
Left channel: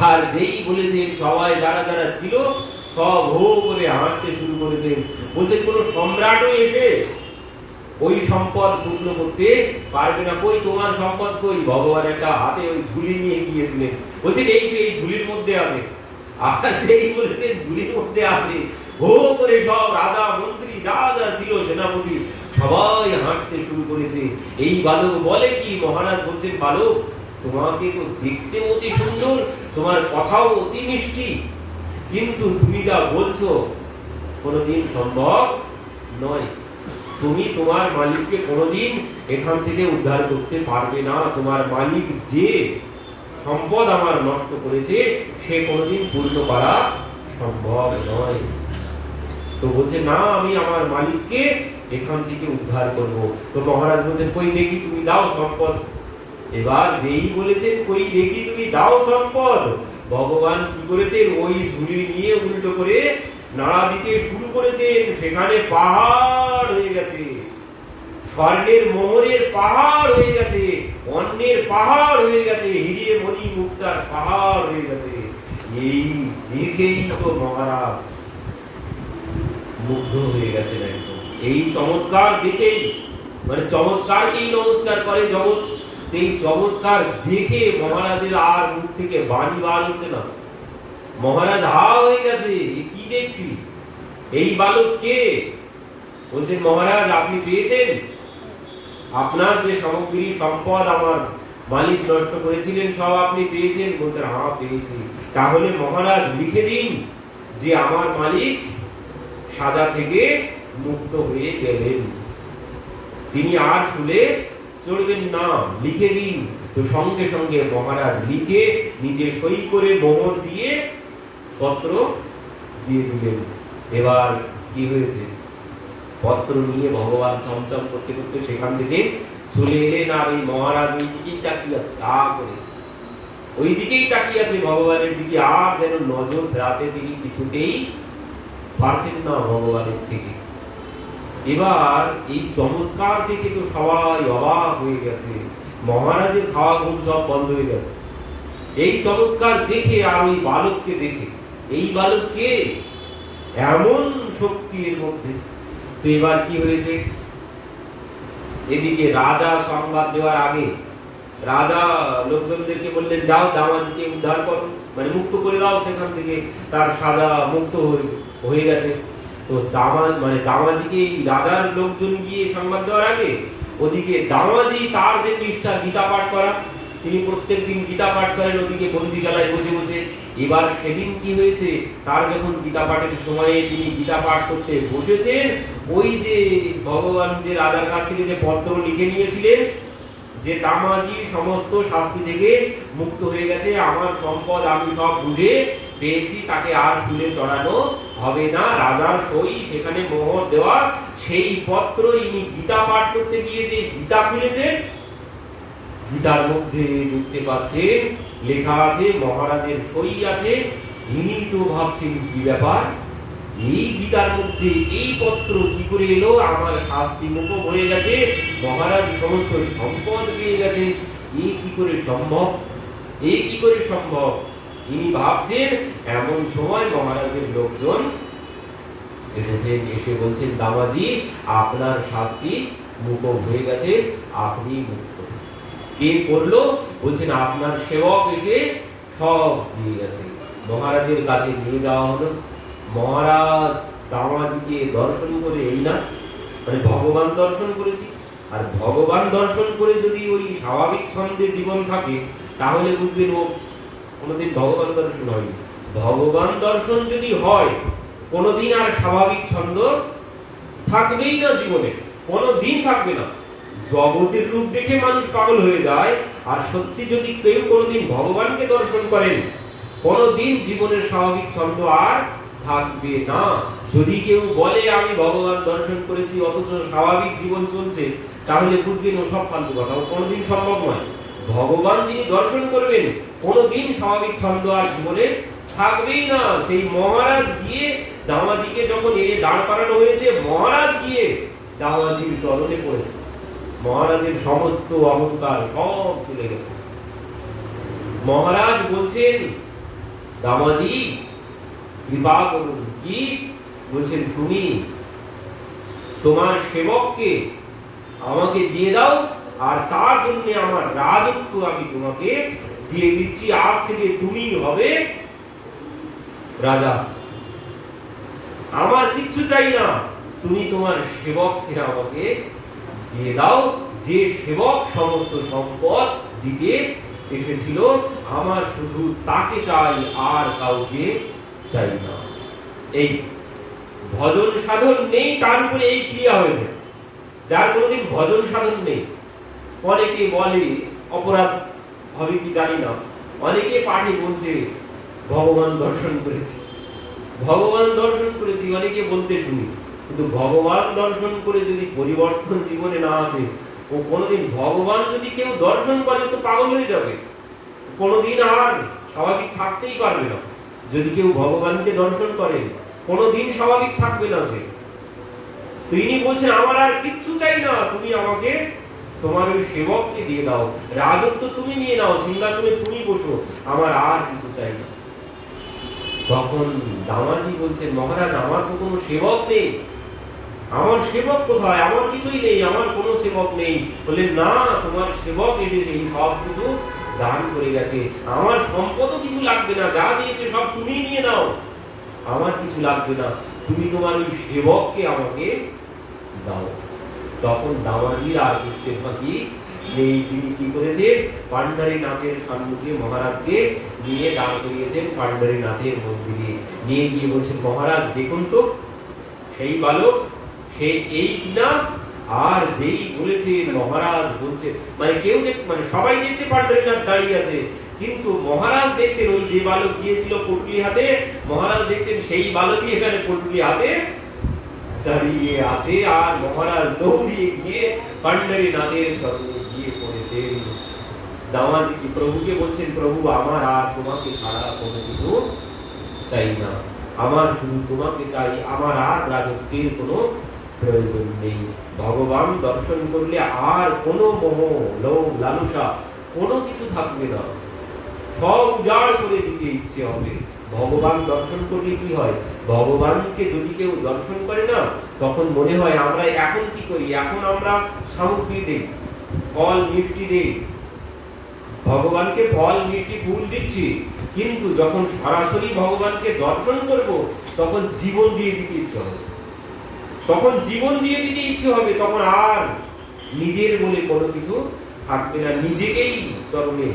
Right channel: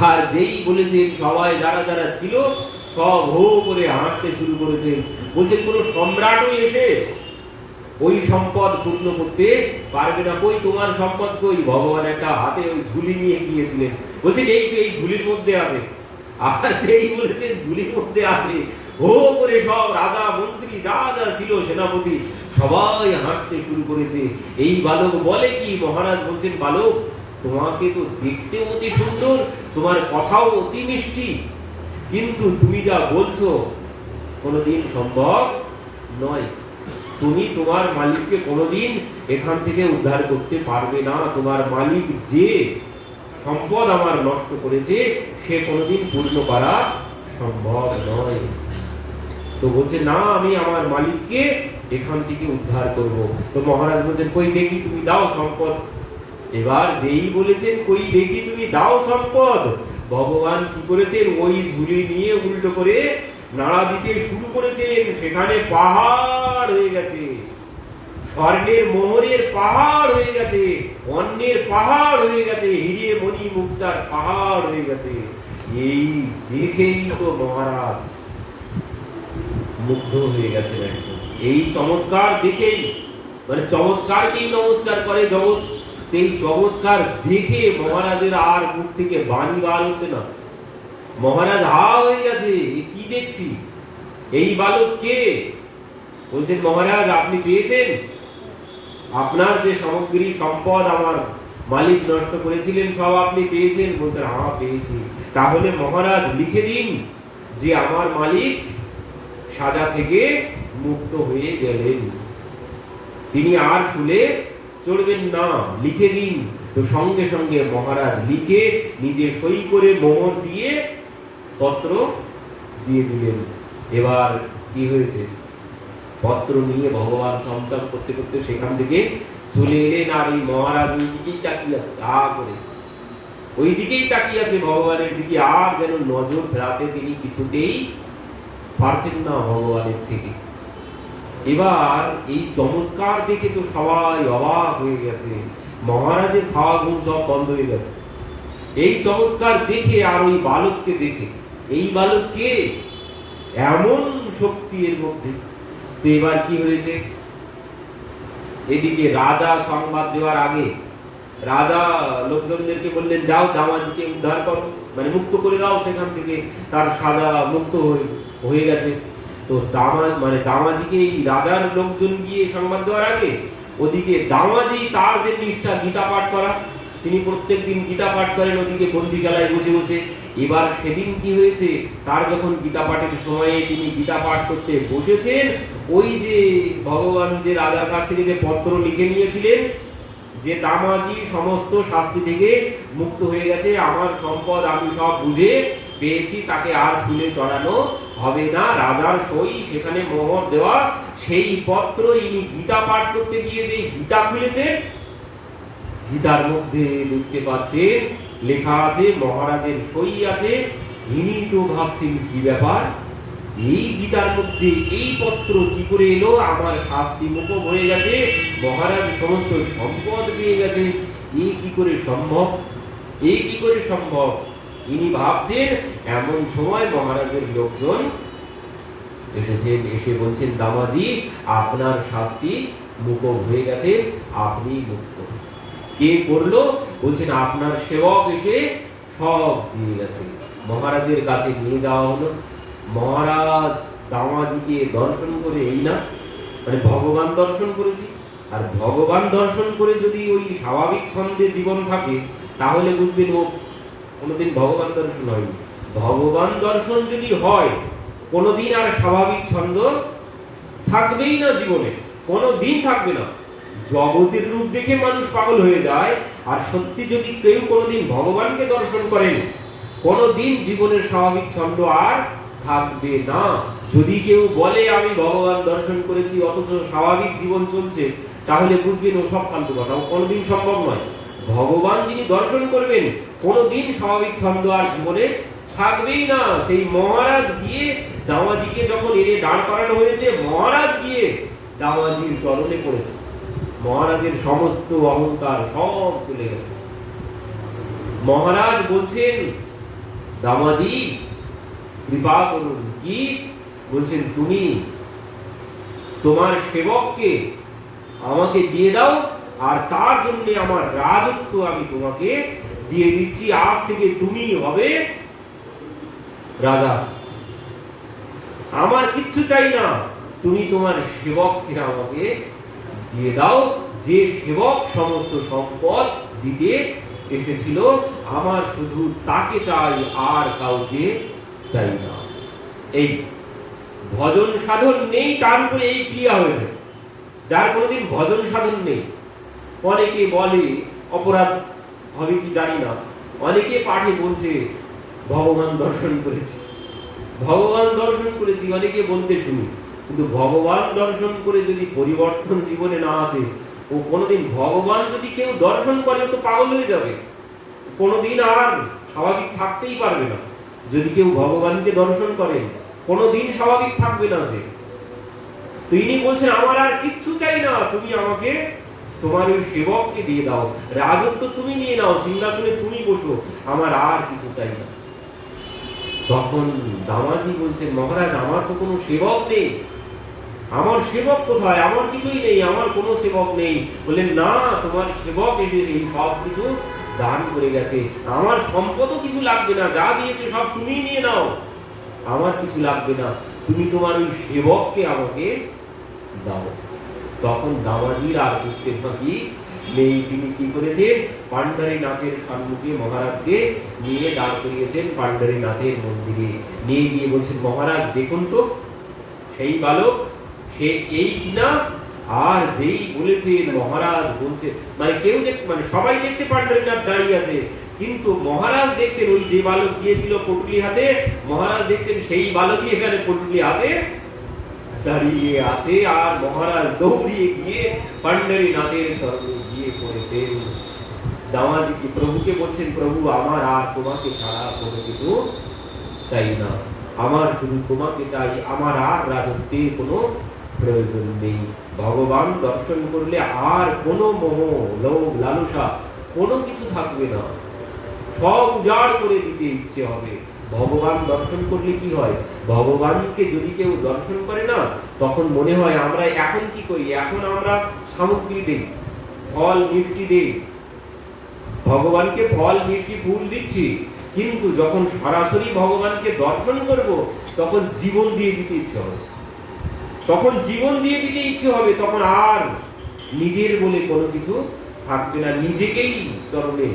আর যেই বলেছেন, সবাই যারা যারা ছিল সব হো করে হাঁটতে শুরু করেছেন। বলছেন, কোন সম্রাটও এসে ওই সম্পদ পূর্ণ করতে পারবে না। কই তোমার সম্পদ কই? ভগবান একটা হাতে ওই ঝুলি নিয়ে গিয়েছিলেন, বলছেন এই তো এই ঝুলির মধ্যে আছে। আর যেই বলেছেন ঝুলির মধ্যে আছে, হো করে সব রাজা মন্ত্রী যা যা ছিল সেনাপতি সবাই হাঁটতে শুরু করেছে। এই বালক বলে কি, মহারাজ বলছেন, বালক তোমাকে তো দেখতে অতি সুন্দর, তোমার কথাও অতি মিষ্টি, কিন্তু তুমি যা বলছো কোনোদিন সম্ভব নয়। তুমি তোমার মালিককে কোনোদিন এখান থেকে উদ্ধার করতে পারবে না। তোমার মালিক যে সম্পদ আমার নষ্ট করেছে সে কোনোদিন পূর্ণ করা সম্ভব নয়। তো বলছে, না আমি আমার মালিককে এখান থেকে উদ্ধার করব। তো মহারাজ বলছেন, কই দেখি তুমি দাও সম্পদ। এবার যেই বলেছেন কই দেখি তুমি দাও সম্পদ, ভগবান কি করেছেন, ওই ঝুলি নিয়ে উল্টো করে নাড়া দিতে শুরু করেছেন। সেখানে পাহাড় হয়ে গেছে, স্বর্ণের মোহরের পাহাড় হয়ে গেছে, অন্যের পাহাড় হয়ে গেছে, হিরে মণি মুক্তার পাহাড় হয়ে গেছে। এই দেখেই তো মহারাজ মুগ্ধ হয়ে গেছে। এই চমৎকার দেখেই, মানে চমৎকারকেই নমস্কার করে জগৎ। এই চমৎকার দেখে মহারাজের আর মুখ থেকে বাণী বার হচ্ছে না। মহারাজ হা হয়ে গেছে, কি দেখছি, এই বালক কে? বলছেন, মহারাজ আপনি পেয়েছেন আপনার যে সামগ্রী সম্পদ আমার মালিক নষ্ট করেছিলেন সব আপনি পেয়েছেন? বলছেন, হ্যাঁ পেয়েছি। তাহলে মহারাজ লিখে দিন যে আমার মালিক সাজা থেকে মুক্ত হয়ে গেলেন, তিনি আর শুলে চলবেন না, লিখে দিন। তো সঙ্গে সঙ্গে মহারাজ লিখে নিজে সই করে মোহর দিয়ে পত্র দিয়ে দিলেন। এবার কি হয়েছে, পত্র নিয়ে ভগবান চমচম করতে করতে সেখান থেকে চলে এলেন। আর এই মহারাজ ওই দিকেই তাকিয়ে আছে, ওই দিকেই তাকিয়ে আছে ভগবানের দিকে, আর যেন নজর রাতে তিনি কিছুতেই পারছেন না ভগবানের থেকে। এবার এই চমৎকার দেখে তো সবাই অবাক হয়ে গেছে, মহারাজের খাওয়া ঘুম সব বন্ধ হয়ে গেছে এই চমৎকার দেখে। আর ওই বালককে দেখে, এই বালককে এমন শক্তি এর মধ্যে। তো এবার কি হয়েছে, এদিকে রাজা সংবাদ দেওয়ার আগে রাজা লোকজনদেরকে বললেন, যাও দামাজিকে উদ্ধার করো, মানে মুক্ত করে দাও সেখান থেকে, তার সাজা মুক্ত হয়ে গেছে। তো দামাজিকে এই রাজার লোকজন গিয়ে সংবাদ দেওয়ার আগে ওদিকে দামাজি তার যে নিষ্ঠা গীতা পাঠ করা, তিনি প্রত্যেকদিন গীতা পাঠ করেন ওদিকে বন্দিশালায় বসে বসে। এবার সেদিন কি হয়েছে, তার যখন গীতা পাঠের সময়ে তিনি গীতা পাঠ করতে বসেছেন, ওই যে ভগবান যে রাজার কাছ থেকে যে পত্র লিখে নিয়েছিলেন যে দামাজি সমস্ত শাস্তি থেকে মুক্ত হয়ে গেছে, আমার সম্পদ আমি সব বুঝে পেয়েছি, তাকে আর শুলে চড়ানো হবে না, রাজার সই সেখানে মোহর দেওয়া, সেই পত্র ইনি গীতা পাঠ করতে গিয়ে যে গীতা খুলেছেন, গীতার মধ্যে দেখতে পাচ্ছেন লেখা আছে, মহারাজের সই আছে। ইনি তো ভাবছেন কি ব্যাপার, এই গীতার মধ্যে এই পত্র কি করে এলো? আমার শাস্তি মুখো হয়ে গেছে, মহারাজ সমস্ত সম্পদ পেয়ে গেছেন, এ কি করে সম্ভব? এ কি করে সম্ভব? ইনি ভাবছেন। এমন সময় মহারাজের লোকজন এসেছেন, এসে বলছেন, দামাজি আপনার শাস্তি মুখো হয়ে গেছে, আপনি মুক্ত। কে করলো? বলছেন আপনার সেবক এসে সব দিয়ে গেছে। মহারাজের কাছে নিয়ে যাওয়া হলো। মহারাজ দামাজিকে দর্শন করে, এই না মানে ভগবান দর্শন করেছি। আর ভগবান দর্শন করে যদি ওই স্বাভাবিক ছন্দে জীবন থাকে, তাহলে বুঝবেন ও কোনোদিন ভগবান দর্শন হয়নি। ভগবান দর্শন যদি হয়, কোনোদিন আর স্বাভাবিক ছন্দ থাকবেই না জীবনে, কোনোদিন থাকবে না। জগতের রূপ দেখে মানুষ পাগল হয়ে যায়, আর সত্যি যদি কেউ কোনোদিন ভগবানকে দর্শন করেন, কোনোদিন জীবনের স্বাভাবিক ছন্দ আর থাকবে না। যদি কেউ বলে আমি ভগবান দর্শন করেছি অথচ স্বাভাবিক জীবন চলছে, তাহলে বুঝবেন ও সব ফালতু কথা, ও কোনোদিন সম্ভব নয়। ভগবান যিনি দর্শন করবেন, কোনোদিন স্বাভাবিক ছন্দ আর জীবনে থাকবেই না। সেই মহারাজ গিয়ে দামাজিকে যখন এনে দাঁড় করানো হয়েছে, মহারাজ গিয়ে দামাজির চরণে পড়েছে। মহারাজের সমস্ত অহংকার সব চলে গেছে। মহারাজ বলছেন, দামাজি কৃপা করুন। কি বলছেন? তুমি তোমার সেবককে আমাকে দিয়ে দাও, আর তার জন্য আমার রাজত্ব আমি তোমাকে দিয়ে দিচ্ছি। আজ থেকে তুমি হবে রাজা। আমার কিচ্ছু চাই না, তুমি তোমার সেবককে আমাকে দিয়ে দাও। যে সেবক সমস্ত সম্পদ দিতে এসেছিল, আমার শুধু তাকে চাই, আর কাউকে চাই না। এই ভজন সাধন নেই, তার উপরে এই ক্রিয়া হয়েছে। যার কোনোদিন ভজন সাধন নেই, অনেকে বলে, অপরাধ হবে কি জানি না, অনেকে পাঠে বলছে ভগবান দর্শন করেছি, ভগবান দর্শন করেছি, অনেকে বলতে শুনি। কিন্তু ভগবান দর্শন করে যদি পরিবর্তন জীবনে না আসে, ও কোনোদিন ভগবান যদি কেউ দর্শন করে তো পাগল হয়ে যাবে, কোনোদিন আর স্বাভাবিক থাকতেই পারবে না। যদি কেউ ভগবানকে দর্শন করে, কোনোদিন স্বাভাবিক থাকবে না সে। তিনি বলছেন আমার আর কিচ্ছু চাই না, তুমি আমাকে তোমার ওই সেবককে দিয়ে দাও, রাজত্ব তুমি নিয়ে নাও, সিংহাসনে তুমি বসো, আমার আর কিছু চাই না। তখন দামাজি বলছেন, মহারাজ আমার তো কোনো সেবক নেই, আমার সেবক কোথায়? আমার কিছুই নেই, আমার কোনো সেবক নেই। বললেন, না, তোমার সেবক এসে সব কিছু দান করে গেছে, আমার সম্পদও কিছু লাগবে না, যা দিয়েছে সব তুমি নিয়ে নাও, আমার কিছু লাগবে না, তুমি তোমার ওই সেবককে আমাকে দাও। তখন দামাজির আর বুঝতে বাকি নেই, তিনি কি করেছেন? পান্ডারীনাথের সম্মুখে মহারাজকে নিয়ে দাঁড় করিয়েছেন। পান্ডারীনাথের মন্দিরে নিয়ে গিয়ে বলছেন, মহারাজ দেখুন তো সেই বালক, সে এই কিনা? আর যেই বলেছেন, মহারাজ বলছে, মানে কেউ মানে সবাই দেখছে পান্ডারীনাথ দাঁড়িয়ে আছে, কিন্তু মহারাজ দেখছেন ওই যে বালক গিয়েছিল পটুলি হাতে, মহারাজ দেখছেন সেই বালকই এখানে পটুলি হাতে দাঁড়িয়ে আছে। আর মহারাজ দৌড়িয়ে গিয়ে পান্ডারীনাথের চরণে গিয়ে পড়েছেন। দামাজি কি প্রভুকে বলছেন, প্রভু আমার আর তোমাকে ছাড়া কোনো কিছু চাই না, আমার শুধু তোমাকে চাই, আমার আর রাজত্বের কোনো প্রয়োজন নেই। ভগবান দর্শন করলে আর কোনো মোহ, লোভ, লালসা কোনো কিছু থাকবে না, সব উজাড় করে দিতে ইচ্ছে হবে। ভগবান দর্শন করলে কি হয়? ভগবানকে যদি কেউ দর্শন করে না, তখন মনে হয় আমরা এখন কি করি? এখন আমরা সামগ্রী দেই, ফল মিষ্টি দেই, ভগবানকে ফল মিষ্টি ফুল দিচ্ছি, কিন্তু যখন সরাসরি ভগবানকে দর্শন করব, তখন জীবন দিয়ে দিতে ইচ্ছে হবে, তখন জীবন দিয়ে দিতে ইচ্ছে হবে, তখন আর নিজের বলে কোনো কিছু থাকবে না, নিজেকেই চরণে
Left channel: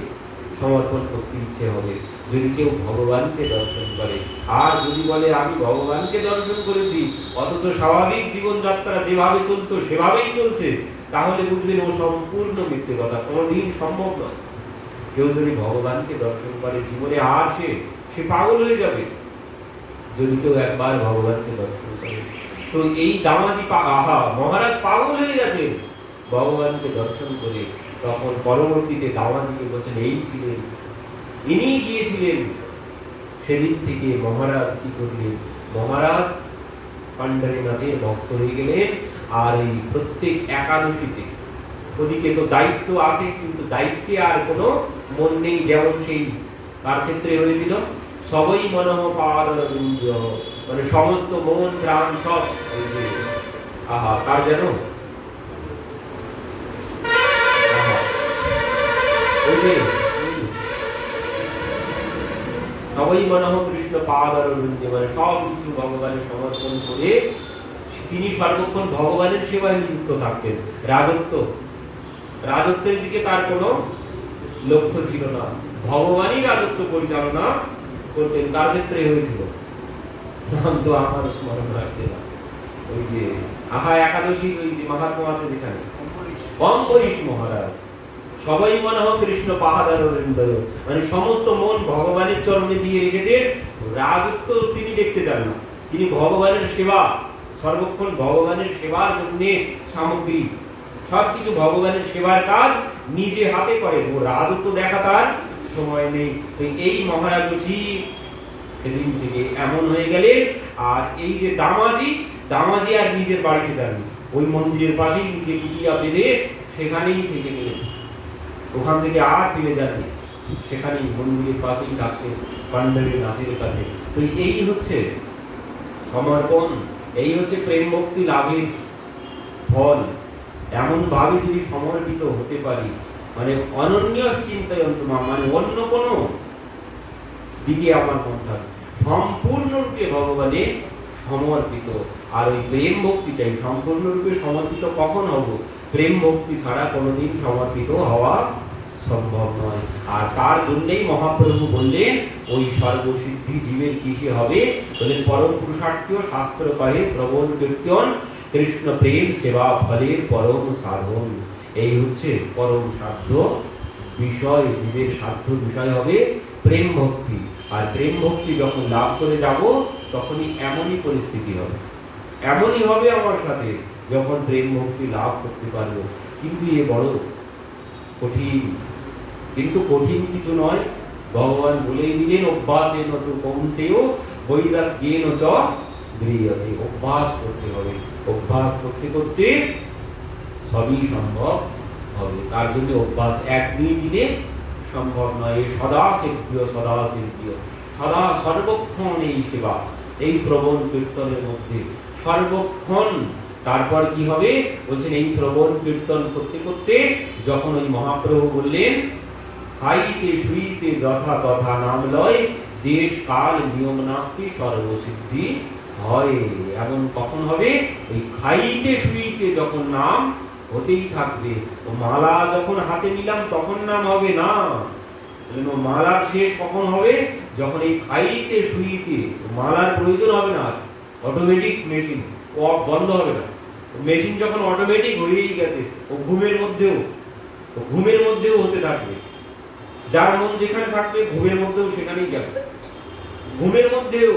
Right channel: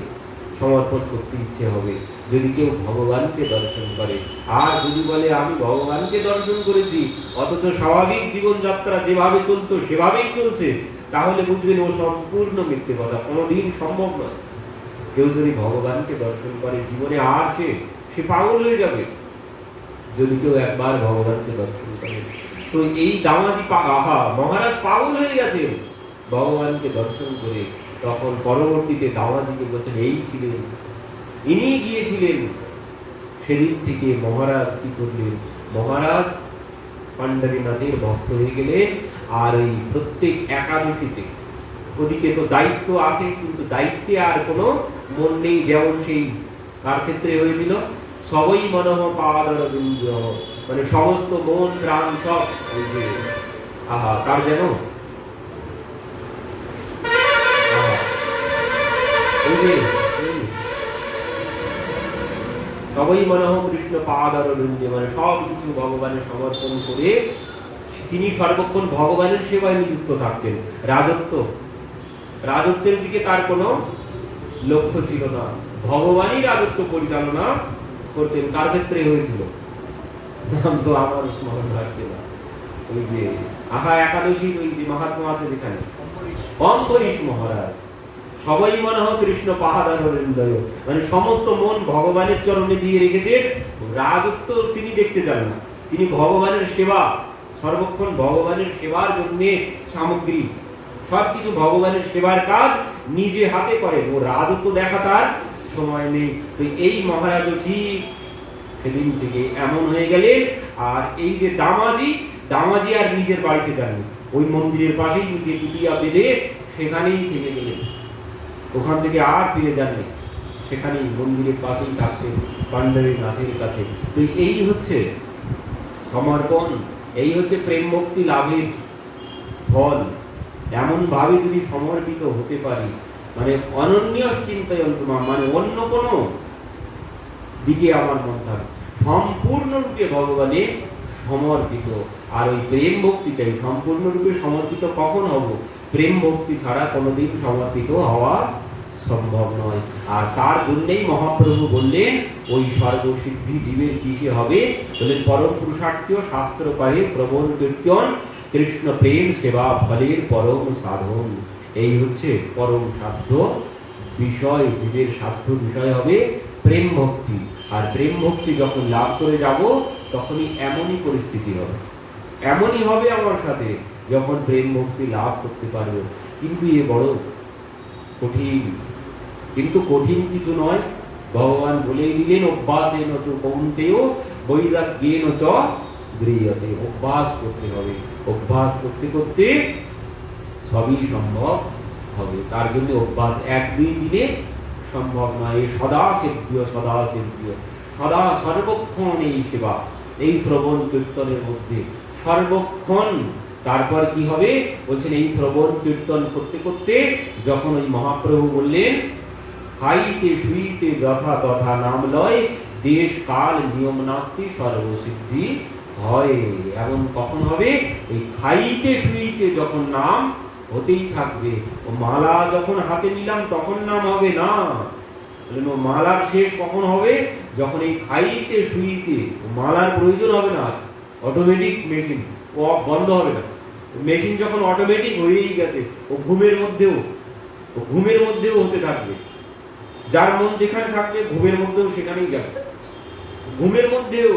সমর্পণ করতে ইচ্ছে হবে যদি কেউ ভগবানকে দর্শন করে। আর যদি বলে আমি ভগবানকে দর্শন করেছি অথচ স্বাভাবিক জীবনযাত্রা যেভাবে চলতো সেভাবেই চলছে, তাহলে বুঝবেন ও সম্পূর্ণ মিথ্যে কথা, কোনোদিন সম্ভব নয়। কেউ যদি ভগবানকে দর্শন করে জীবনে আর সে পাগল হয়ে যাবে যদি কেউ একবার ভগবানকে দর্শন করে। তো এই দামাজি মহারাজ পাগল হয়ে গেছে ভগবানকে দর্শন করে। তখন পরবর্তীতে দামাজিকে বলছেন, এই ছিলেন, ইনি গিয়েছিলেন। সেদিন থেকে মহারাজ কি করলেন? মহারাজ পাণ্ডারীনাথের ভক্ত হয়ে গেলেন। আর এই প্রত্যেক একাদশীতে ওদিকে তো দায়িত্ব আছে, কিন্তু দায়িত্বে আর কোনো মন নেই। যেমন সেই কার ক্ষেত্রে হয়েছিল, সবই মনঃ পাদারবিন্দ, মানে সমস্ত মন প্রাণ সব ওই যে কার যেন ওই যে সবই মনঃ কৃষ্ণ পাদারবিন্দে, মানে সব কিছু ভগবানের সমর্পণ করে তিনি সর্বক্ষণ ভগবানের সেবায় নিযুক্ত থাকতেন। রাজত্বের দিকে তার কোনো লক্ষ্য ছিল না, ভগবানই রাজত্ব পরিচালনা করতেন। কার ক্ষেত্রে হয়েছিল, নাম তো আমার স্মরণ রাখছে না, ওই যে একাদশীর ওই যে মহাত্মা আছে যেখানে, অম্বরীশ মহারাজ। সবাই মনে হয় কৃষ্ণ পাহাড়, মানে সমস্ত মন ভগবানের চরণে দিয়ে রেখেছেন। রাজত্ব তিনি দেখতে চান না, তিনি ভগবানের সেবা, সর্বক্ষণ ভগবানের সেবার জন্য সামগ্রী, সবকিছু ভগবানের সেবার কাজ নিজে হাতে করেন। ও রাজত্ব দেখা তার সময় নেই। তো এই মহারাজ ঠিক সেদিন থেকে এমন হয়ে গেলেন। আর এই যে দামাজি আর নিজের বাড়িতে যান, ওই মন্দিরের পাশেই নিজে পিটিয়া বেঁধে সেখানেই থেকে গেলেন, ওখান থেকে আর ফিরে যাননি, সেখানেই মন্দিরের পাশেই থাকতেন পাণ্ডারীনাথের কাছে। তো এই হচ্ছে সমর্পণ, এই হচ্ছে প্রেম ভক্তি লাভের ফল। এমন ভাবে যদি সমর্পিত হতে পারি, মানে অনন্য চিন্তায় মানে অন্য কোনো দিকে আমার মন থাকে, সম্পূর্ণরূপে ভগবানে সমর্পিত। আর ওই প্রেম ভক্তি চাই, সম্পূর্ণরূপে সমর্পিত কখন হব, প্রেম ভক্তি ছাড়া কোনোদিন সমর্পিত হওয়া সম্ভব নয়। আর তার জন্যই মহাপ্রভু বললেন ওই সর্বসিদ্ধি জীবের কিসে হবে, বললেন পরম পুরুষার্থ শাস্ত্র কহে শ্রবণ কীর্তন কৃষ্ণ প্রেম সেবা ফলের পরম সাধন। এই হচ্ছে পরম সাধ্য বিষয়, জীবের সাধ্য বিষয় হবে প্রেম ভক্তি। আর প্রেম ভক্তি যখন লাভ করে যাব, তখনই এমনই পরিস্থিতি হবে, এমনই হবে আমার সাথে, যখন প্রেম ভক্তি লাভ করতে পারবো। কিন্তু এ বড় কঠিন, কিন্তু কঠিন কিছু নয়। ভগবান বলেই দিলেন অভ্যাসেন তু কৌন্তেয় বৈরাগ্যেন চ গৃহ্যতে। অভ্যাস করতে হবে, অভ্যাস করতে করতে সবই সম্ভব হবে। তার জন্য অভ্যাস এক দুই দিনে সম্ভব নয়। সদা সেব্য, সদা সেব্য, সদা সর্বক্ষণ এই সেবা, এই শ্রবণ কীর্তনের মধ্যে সর্বক্ষণ। তারপর কি হবে বলছেন, এই শ্রবণ কীর্তন করতে করতে যখন ওই মহাপ্রভু বললেন খাইতে শুইতে যথা তথা নাম লয়, দেশ কাল নিয়ম নাস্তি সর্বসিদ্ধি হয়। এমন কখন হবে, এই খাইতে শুইতে যখন নাম হতেই থাকবে। ও মালা যখন হাতে নিলাম তখন নাম হবে না, মালার শেষ কখন হবে, যখন এই খাইতে শুইতে মালার প্রয়োজন হবে না, অটোমেটিক মেশিন ও বন্ধ হবে না। মেশিন যখন অটোমেটিক হয়েই গেছে, ও ঘুমের মধ্যেও হতে থাকবে। যার মন যেখানে থাকবে ঘুমের মধ্যেও সেখানেই যাবে, ঘুমের মধ্যেও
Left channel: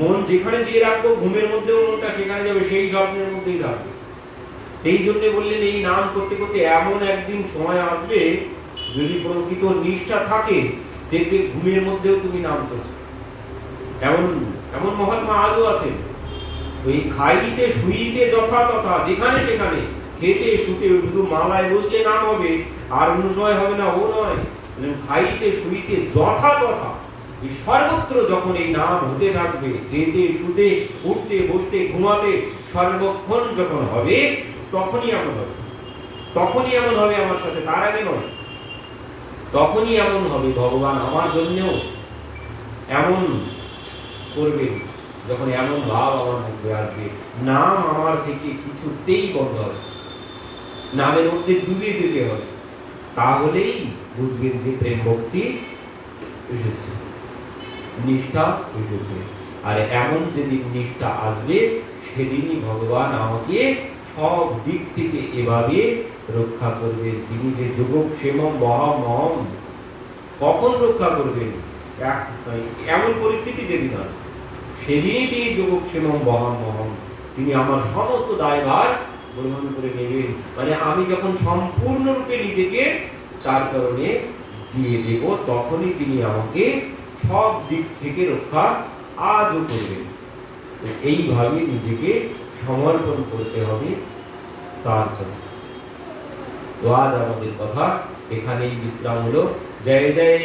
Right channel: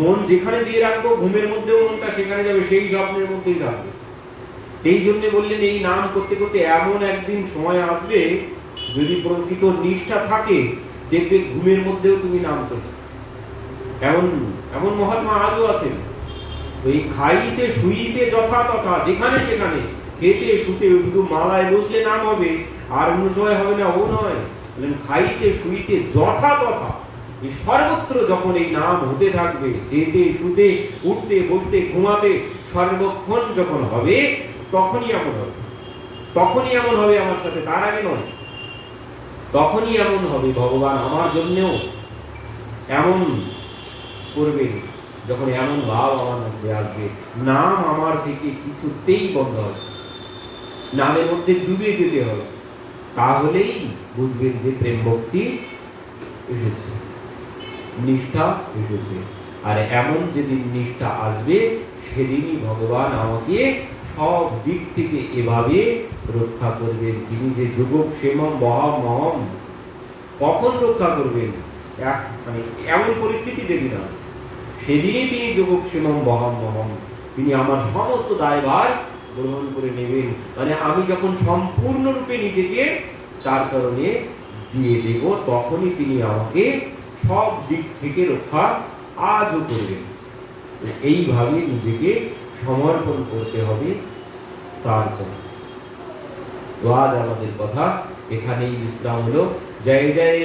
মন যেখানে দিয়ে রাখবো ঘুমের মধ্যেও মনটা সেখানে যাবে, সেই যত্নের মধ্যেই থাকবে। এই জন্য বললেন এই নাম করতে করতে এমন একদিন সময় আসবে, যদি প্রকৃত নিষ্ঠা থাকে, দেখবে ঘুমের মধ্যেও তুমি নাম করছো। এমন এমন মহাত্মা আজও আছে। এই খাইতে শুইতে যথা তথা, যেখানে সেখানে, খেতে শুতে, শুধু মালায় বসলে নাম হবে, আর অন্য সময় হবে না, ও নয়। খাইতে শুইতে যথা তথা, এই সর্বত্র যখন এই নাম হতে থাকবে, খেতে শুতে উঠতে বসতে ঘুমাতে সর্বক্ষণ যখন হবে, তখনই এমন হবে, তখনই এমন হবে আমার সাথে, তার আগে নয়। তখনই এমন হবে, ভগবান আমার জন্যও এমন করবে, যখন এমন ভাব আমার মধ্যে আসবে, নাম আমার থেকে কিছুতেই বন্ধ হবে, নামের মধ্যে ডুবে যেতে হবে। তাহলেই বুঝবেন যে প্রেম ভক্তি এসেছে, নিষ্ঠা এসেছে। আর এমন যেদিন নিষ্ঠা আসবে, সেদিনই ভগবান আমাকে সব দিক থেকে এভাবে রক্ষা করবেন। তিনি যে যোগক্ষেম মহামহম, কখন রক্ষা করবেন, এমন পরিস্থিতি যেদিন আসবে, সেদিনই তিনি যোগক্ষেম মহামহম, তিনি আমার সমস্ত দায়ভার গ্রহণ করে নেবেন। মানে আমি যখন সম্পূর্ণরূপে নিজেকে তার চরণে দিয়ে দেব, তখনই তিনি আমাকে সব দিক থেকে রক্ষা আজও করবেন। এইভাবে নিজেকে সমর্পণ করতে হবে তার জন্য। তো আজ আমাদের কথা এখানেই বিশ্রাম হলো। জয় জয়